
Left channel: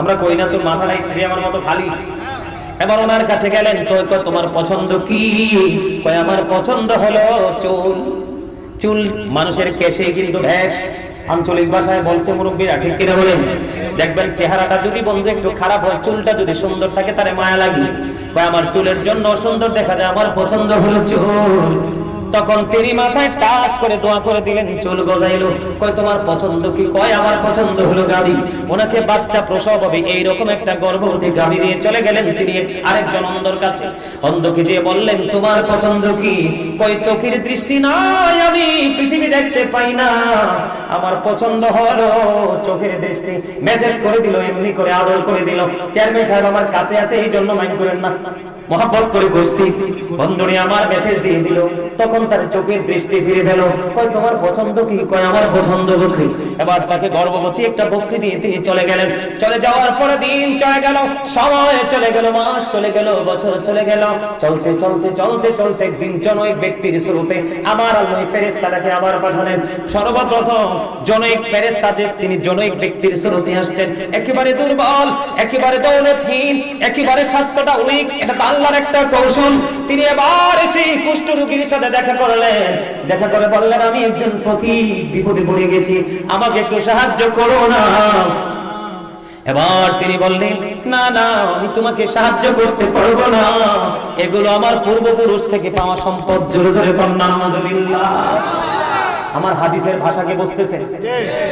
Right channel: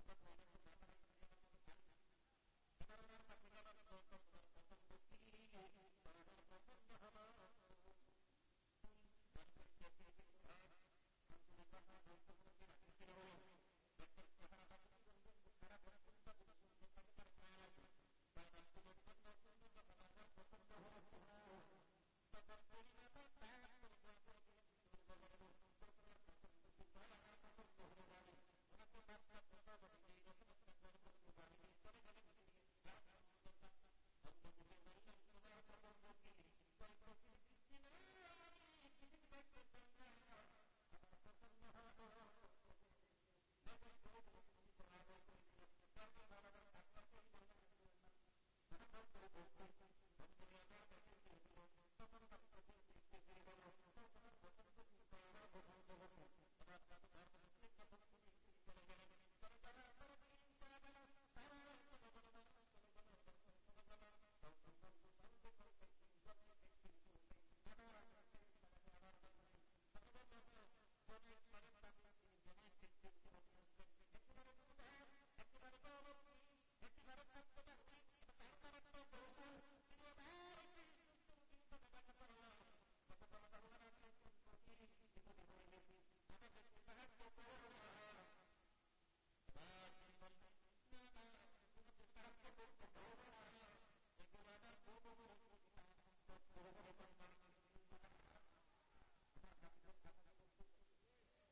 আমরা কই না তোর মাথাটা স্টেডিয়ামের মতো খালি। এবার ওনার কাছে গেলেন, তো তোমার পছন্দ কি? কয়, আমার পছন্দ হলো চুল। চুল মানুষের কেশে কিন্তু ভ্যাস, আঞ্চলিক ভাষায় বলছে মুরব্বীরা, ঠিক কিনা বলেন? দেখবেন চেহারাটা যদি বন্ধু একটু খারাপ হয়, চুলটা যদি সুন্দর থাকে তারে মায়া লাগে। কয়, আমার চুলের জন্য সুন্দর দেখা যায়, আমার পছন্দ হলো চুল। তখন তিনি মাথায় টাচ করে দোয়া করে দিলেন, চুল গজাইলো। কয়, তোমার পছন্দ কি? কয়, আমার পছন্দ হলো গাড়ি। ওনাকে বাচ্চা প্রসব হবে এইরকম একটা গর্ভবতী গাড়ি নিয়ে চলে গেলেন তিনি আরেকজন অন্ধর কাছে। অন্ধকে যেয়ে বললেন, তোমার পছন্দ কি? কয়, চোখের দৃষ্টি নাই, আমি পৃথিবী দেখতে পাই না, আমার পছন্দ হলো চোখের দৃষ্টি। মেসেজ করে দিল, এমনি করে আদর করে দিল, চেয়ারম্যান সাহেব আমার কাছে আছে, এই জন্য মাইন্ড করেন না, মহব্বত করে করছি। বন্ধুরে আমার মেসেজ দিয়ে দিল, তখন তার চোখের দৃষ্টি ফিরে পেল। কয়, তোমার পছন্দ কি? কয়, আমার পছন্দ বকরি। এবার তাকে গর্ভবতী একটা বকরি দিয়ে তিনি চলে গেলেন। চলে যাওয়ার পরে দিন চলে গেল, সময় চলে গেল, মাস চলে গেল, বছর চলে গেল। চলতে চলতে চলতে চলতে একদিন জনৈক ব্যক্তির স্বরূপে আমার আল্লাহ ফেরেশতাটাকে আবার পাঠালেন। সর্বপ্রথম জনৈক ফেরেশতা যে তিনি জনৈক ব্যক্তির স্বরূপে আসছেন, একেবারে দুর্বল, একেবারে দৌলতহীন, একেবারে স্বাস্থ্যটা উইক। এটা আল্লাহর একটা কৌশল। তিনি এবার সেই কুষ্ঠরোগীর সাথে দেখা করলেন, দেখা করে বললেন, আমি একজন পথি বিপদে পড়ে গেছি, আমাকে একটু সাহায্য করো না। এবার তিনি বললেন, না না, আমি তোমাকে সাহায্য করতে পারবো না, এগুলো আমার পূর্বপুরুষ থেকে পাওয়া সম্পদ। জোরে জোরে বলুন আলহামদুলিল্লাহ। আমার হাদিসের ভাষাকে বুঝতেছেন?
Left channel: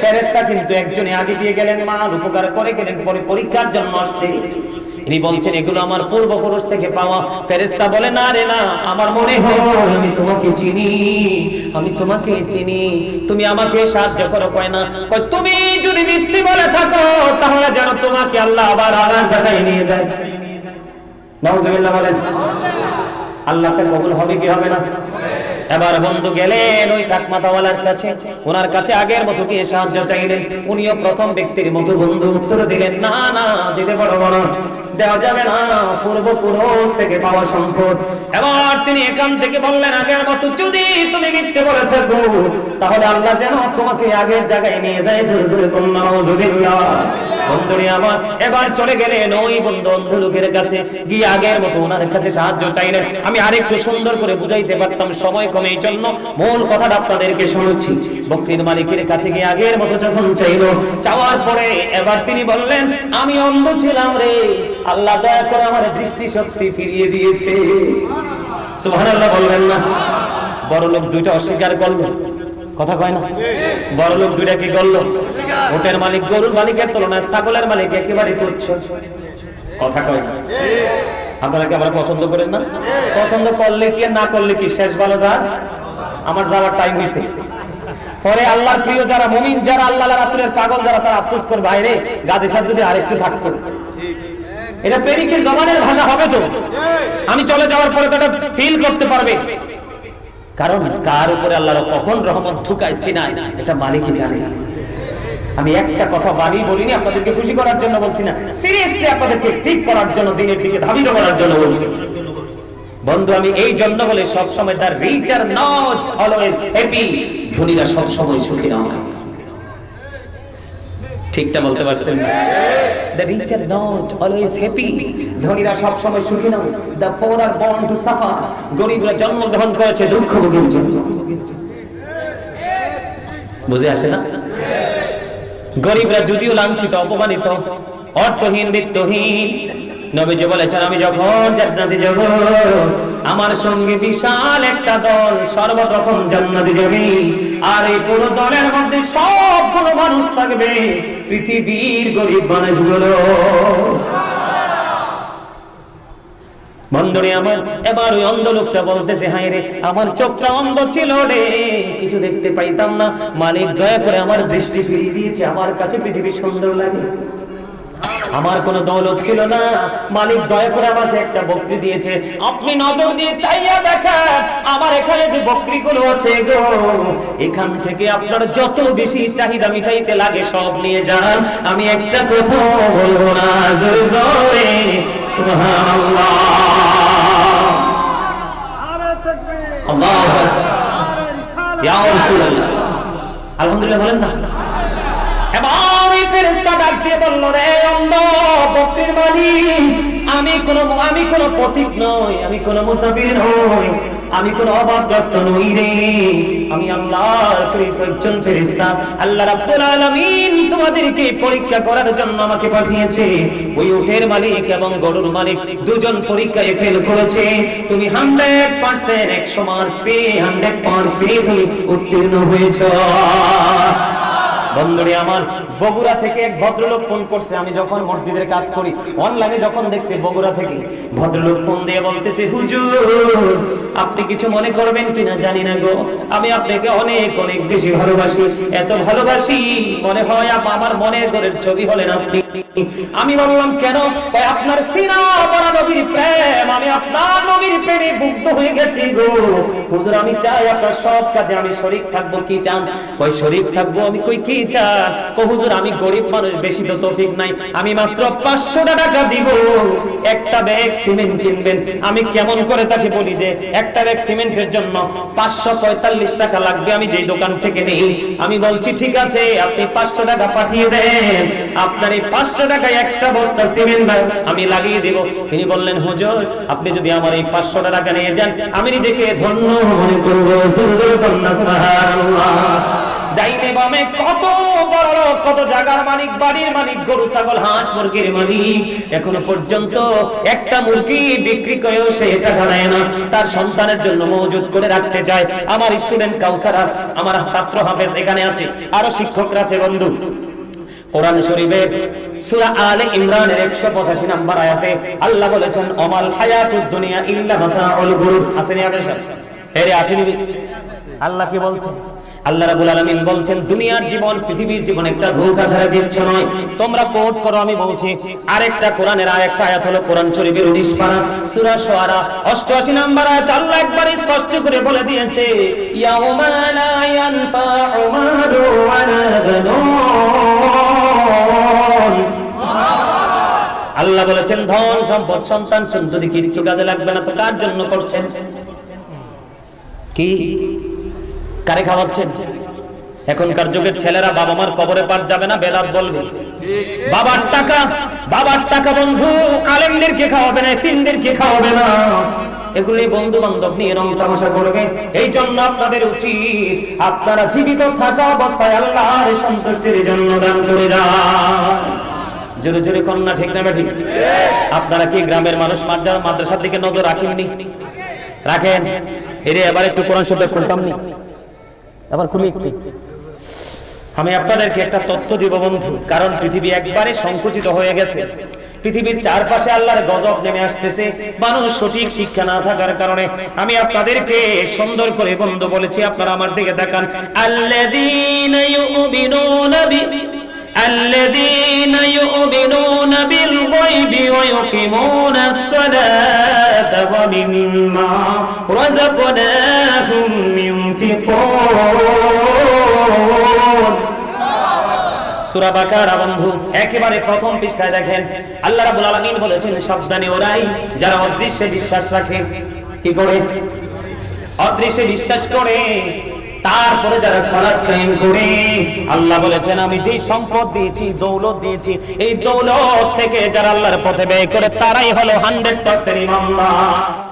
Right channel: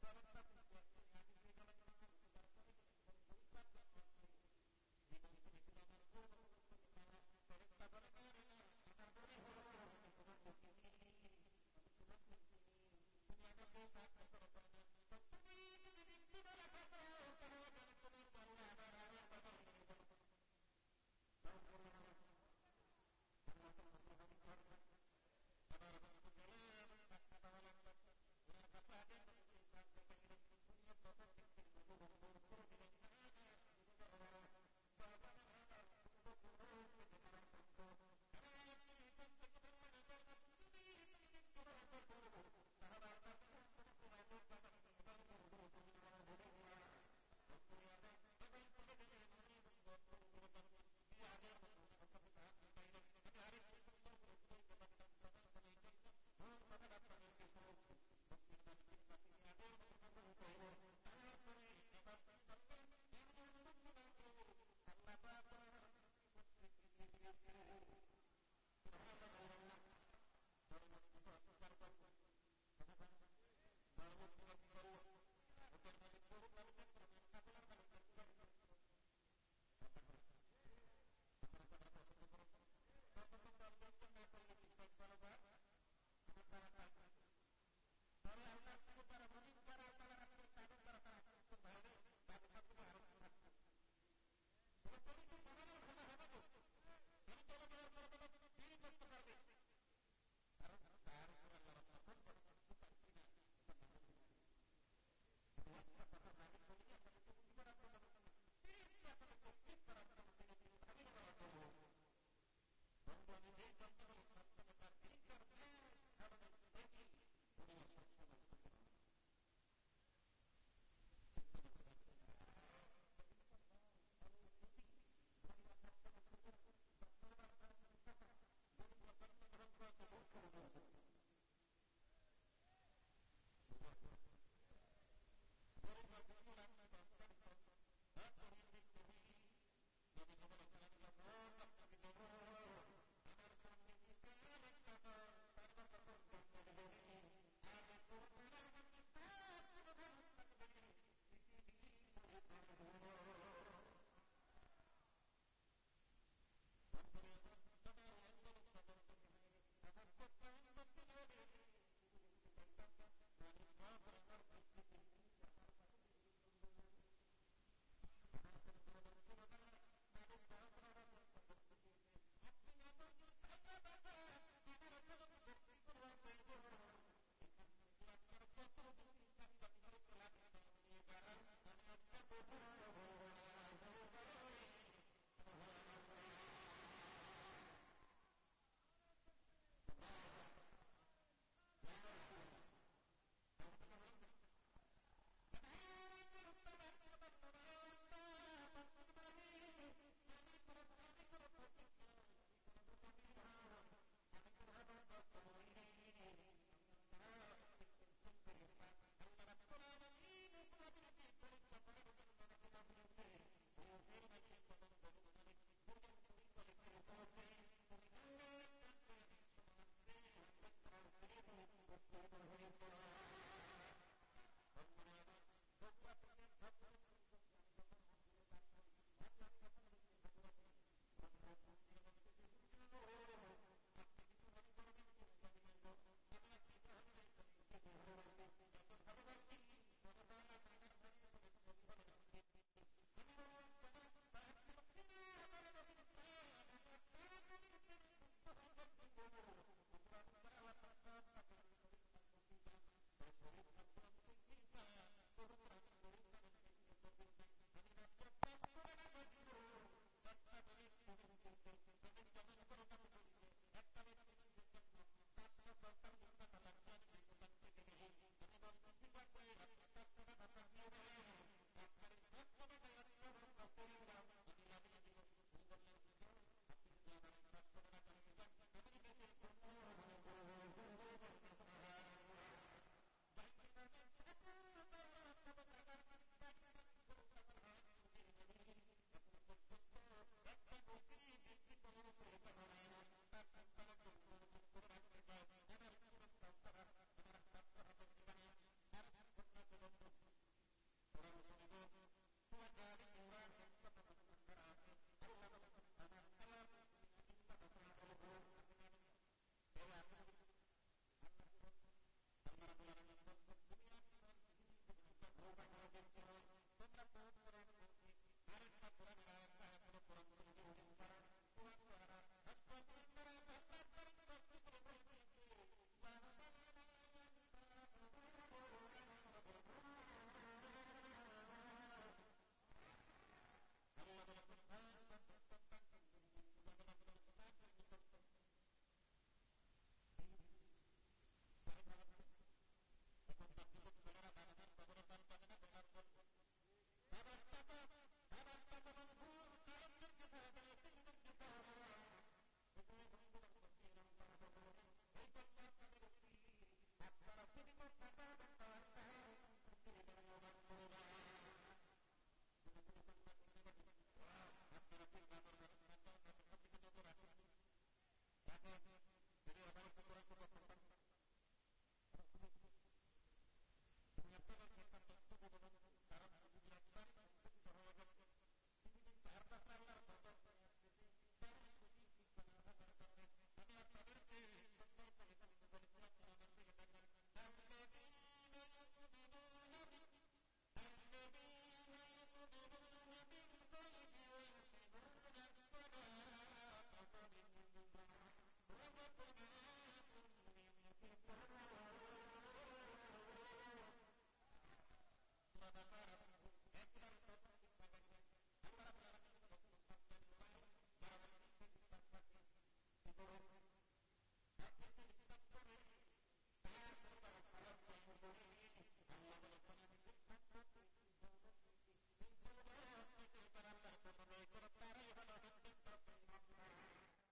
ফেরেশতা কিন্তু একজনে আগে দিয়ে গেলেন, মাল উপকার করে গেলেন, পরে পরীক্ষার জন্য আসছে। তিনি বলছেন, এগুলো আমার পূর্বপুরুষ থেকে পাওয়া। ফেরেশতা বলে, না রে না, আমার মনে হয় আমি তোমাকে চিনি, আমি তোমাকে চিনি, তুমি আমাকে সাহায্য করো। কয় না। কয়, তুমি যদি মিথ্যে বলে থাকো তাহলে যেন তোমাকে আল্লাহ আবার আলাদা জায়গায় নিয়ে যায়। নাউজুবিল্লাহ বলেন। আল্লাহটা কবুল হবে কি হবে না? এবার বন্ধু গেলেন ওই টাকমাতাওয়ালার কাছে, ওনার কাছে আগের মতো গিয়ে সাহায্য চাইলেন। উনিও প্রথম ব্যক্তির মতো বন্ধু উত্তর দিলেন, না না, দিতে পারবো না, দেওয়া যাবে না, পূর্বপুরুষ থেকে পাওয়া সম্পদ। এবার তিনি এখান থেকে বললেন, আগের মতো যদি তুমি মিথ্যে বলে থাকো তাহলে আল্লাহ যেন তোমাকে আগের জায়গায় নিয়ে যায়। জোরে জোরে বলুন নাউজুবিল্লাহ। বন্ধুরে আমার এবার চলে গেলেন ওই বন্ধু অন্ধ লোকের কাছে, গিয়ে আগের মতো ওনার কাছে সাহায্য চাইলেন। আমি আরেকটু সুন্দর করে বুঝাইতে পারতাম, সময় কমে, এই জন্য মূল কথাটা আপনাদেরকে শোনাচ্ছি। বকরির মালিকের কাছে গিয়ে আগের মতো যখন চাইলো, চাওয়ার পরে এবার তিনি বললেন, আমি অন্ধ ছিলাম রে, আল্লাহ দয়া করে আমার দৃষ্টি শক্তি ফিরিয়ে দিয়েছে। সুবহানাল্লাহ বলবেন না? বড় লোক দুইটা অস্বীকার করলো, কথা কয় না? বড় লোক দুইটা কি করলো? উটের মালিক গরুর মালিকের তুলনায় ছাগলের মালিক একেবারে তুচ্ছ, কথা কয় না? আপনারা কি আমরা পছন্দ করেন না? পছন্দ করলে কি না করলে কি, শেষ ভালো যার, আমার যাওয়ার টাইম হয়েছে। পরে আল্লাহর প্রিয় যারা মুমিন, যারা আল্লাহ রাসূলের পাগল যারা, তারা আফসোস করবে, বাইরে গাজী সাহেব যদি আরেকটু থাকতো। এটা প্রেমিকের জবানের ভাষা হবে তো, আমি চলে যাওয়ার পরে তো এটা ফিল করতে পারবে, কারণ কার উপরে আল্লাহর কখন রহমত ঢুকাইছি না এটা মালিকই জানে। আমি একটা কথা বাড়ি বলিনি, আপনাদেরকে খুশি করার জন্য বলছি না, সিরিয়াসলি আপনাদেরকে ঠিক করার জন্য, দিনের দিকে ধাবিত করার জন্য বলছি। বন্ধু আমি এই জন্য বলে সব সময় the rich are not always happy, ধনীরা সব সময় সুখী নয়। ঠিকটা বলতে পারছেন না? The rich are not always happy, ধনীরা সব সময় সুখী নয়। The poor are born to suffer, গরিবরা জন্মগ্রহণ করেছে দুঃখ ভোগের জন্য। বুঝে আসে না? গরিবরা যদিও লাঞ্ছিত, অপমানিত, অর্থহীন, বিত্তহীন, নবীজি বলেছেন আমি যখন জান্নাতে যাব, আমার সঙ্গে বিশাল একটা দল সর্বপ্রথম জান্নাতে যাবে, আর এই পুরো দলের মধ্যে সবগুলো মানুষ থাকবে পৃথিবীর গরিব মানুষগুলো। বন্ধুরে আমার এবার ওই অন্ধ লোকটা বলতেছে, হায় রে আমার চোখটা অন্ধ ছিল রে, কিছু দেখতে পাইতাম না, মালিক দয়া করে আমার দৃষ্টি ফিরিয়ে দিয়েছে, আমার কাছে পৃথিবী সুন্দর লাগে। আমার কোনো দৌলত ছিল না, মালিক দয়া করে আমাকে একটা বকরি দিয়েছে। আপনি নজর দিয়ে চাইয়া দেখেন আমার এখানে যে বকরিগুলো আছে গো, এখান থেকে আপনার যত বেশি চাহিদা মিটাইতে লাগে সব নিয়ে যান, আমি একটা কথা বলবো না, জোরে জোরে সুবহানাল্লাহ। আল্লাহু আকবার, ইয়া রাসূলুল্লাহ, আলহামদুলিল্লাহ বলেন না? এবার এই ফেরেশতা ডাক দিয়ে বলল, রে অন্ধ বকরির মালিক, আমি কোনো পথিক নই, আমি কোনো মুসাফির নই, আমি কোনো অভাবগ্রস্ত নই রে, আমি আল্লাহর প্রেরিত একজন ফেরেশতা। আল্লাহ রাব্বুল আলামিন তোমাদেরকে পরীক্ষা করার জন্য আমাকে পাঠিয়েছে। ওই উটের মালিক এবং গরুর মালিক দুজন পরীক্ষায় ফেল করেছে, তুমি 100% 100 মার্ক পেয়ে 100% তুমি উত্তীর্ণ হয়েছো। বন্ধুরে আমার বগুড়া থেকে এক ভদ্রলোক ফোন করছে, আমি যখন মসজিদের কাজ করি অনলাইনে যখন দেখছি বগুড়া থেকে ভদ্রলোক ফোন দিয়ে বলতেছে, হুজুর আপনি কিছু মনে করবেন কিনা জানি না গো, আমি আপনাকে অনেক অনেক বেশি ভালোবাসি, এত ভালোবাসি মনে হয় আমার মনের ঘরের ছবি হলেন আপনি। আমি বললাম কেন? আপনার সিনা বড় নবীর প্রেম, আমি আপনার নবীর প্রেমে মুগ্ধ হয়ে গেছি গো হুজুর, আমি চাই আপনার সব কাজে আমি শরীক থাকবো। কি চান? কই শরীক থাকবো। আমি কই কি চান? কো হুজুর আমি গরিব মানুষ, বেশি তো তৌফিক নাই, আমি মাত্র 500 টাকা দিব, একটা ব্যাগ সিমেন্ট কিনবেন। আমি কেমন করে তাকে বলি যে একটা ব্যাগ সিমেন্টের জন্য 545 টাকা লাগবে, আমি যেই দোকান থেকে নেই। আমি বলছি ঠিক আছে আপনি 500 টাকা পাঠিয়ে দেন, আপনার এই 500 টাকায় একটা বস্তা সিমেন্ট আমি লাগিয়ে দেব। তিনি বললেন হুজুর আপনি যদি আমার এই 500 টাকা নিয়ে যান আমি নিজেকে ধন্য মনে করব। সুবহানাল্লাহ। ডাইনে বামে কত বড় লোক, কত জায়গার মালিক, বাড়ির মালিক, গরু ছাগল হাঁস মুরগির মালিক, এখনো পর্যন্ত একটা মুরগি বিক্রি করেও সে টাকা দেয় না, তার সন্তানের জন্য মজুদ করে রাখতে চায়। আমার স্টুডেন্ট কাউসার, আমার ছাত্র হাফেজ এখানে আছে, আরো শিক্ষকরা আছে। বন্ধু কোরআন শরীফের সূরা আলে ইমরানের 185 নম্বর আয়াতে আল্লাহ বলেছেন, অমাল হায়াতুদ দুনিয়া ইল্লা মাতাউল গুরুর। আসেনি আদেশ? এরে আসেনি? আল্লাহ কি বলছেন? আল্লাহ রাব্বুল আলামিন বলছেন দুনিয়ার জীবন, পৃথিবীর জীবন একটা ধোঁকা ছাড়া কিছু নয়। তোমরা কোট করো, আমি বলছি। আরেকটা কোরআনের আরেকটা আয়াত হলো কোরআন শরীফের 19 পারা সূরা শুআরা 88 নম্বর আয়াত আল্লাহ একবার স্পষ্ট করে বলে দিয়েছে, ইয়াউমা লা ইয়ানফাউ মালু ওয়ালা বানুন। আল্লাহ বলেছেন ধন সম্পদ সন্তান যদি কিছু কাজে লাগবে না তো কার জন্য করছেন? কি কারে খাওয়াচ্ছেন? এখনকার যুগের ছেলেরা বাবা মার কবরে পার যাবে না, বেলাত বলবে বাবার টাকা বন্ধু আলেমদেরকে খাওয়াবে না, তিনদেরকে খাওয়াবে না, এগুলি বন্ধু বান্ধব নিয়ে রং তামাশা করবে। এই জন্য আপনাদের উচিত আপনারা জীবিত থাকা অবস্থায় আল্লাহর সন্তুষ্টির জন্য দান করে যান। জোরে জোরে কন্যা ঠিক না ঠিক? আপনারা কি গ্রামের মানুষ মাদ্রাসার দিকে নজর রাখেননি? রাখেন? এরে এবার একটু কোরআন শব্দ শুনতাম নি, এবার খুলি একটু। আমি আপনাদেরকে একটা তথ্য দিব বন্ধু, কারণ পৃথিবী একবারে সংকুচিত হয়ে গেছে, পৃথিবীর চারপাশে আল্লাহর গজব নেমে আসতেছে মানুষ সঠিক শিক্ষা না থাকার কারণে। আমি আপনাদেরকে সুন্দর করে বন্ধু বলেছি, আপনারা আমার দিকে তাকান। আল্লাযীনা ইউমিনুনা বিল গায়বি ওয়া ইউকিমুনাস সালাতা ওয়া মিম্মা রাযাকনাহুম ইউনফিকুন। সূরা বাকারা বন্ধু একেবারে প্রথম পৃষ্ঠায় দেখেন আল্লাহ রাব্বুল আলামিন বলেছেন, সাবধানী ওরাই যারা অদৃশ্যে বিশ্বাস রাখে। কি করে? অদৃশ্যে বিশ্বাস করে, তারপরে যারা সালাত কায়েম করে। আল্লাহ বলেছেন, আমি যে সম্পদ দিয়েছি, দৌলত দিয়েছি, এই দৌলত থেকে যারা আল্লাহর পথে ব্যয় করে তারাই হলো 100% ইমানদার।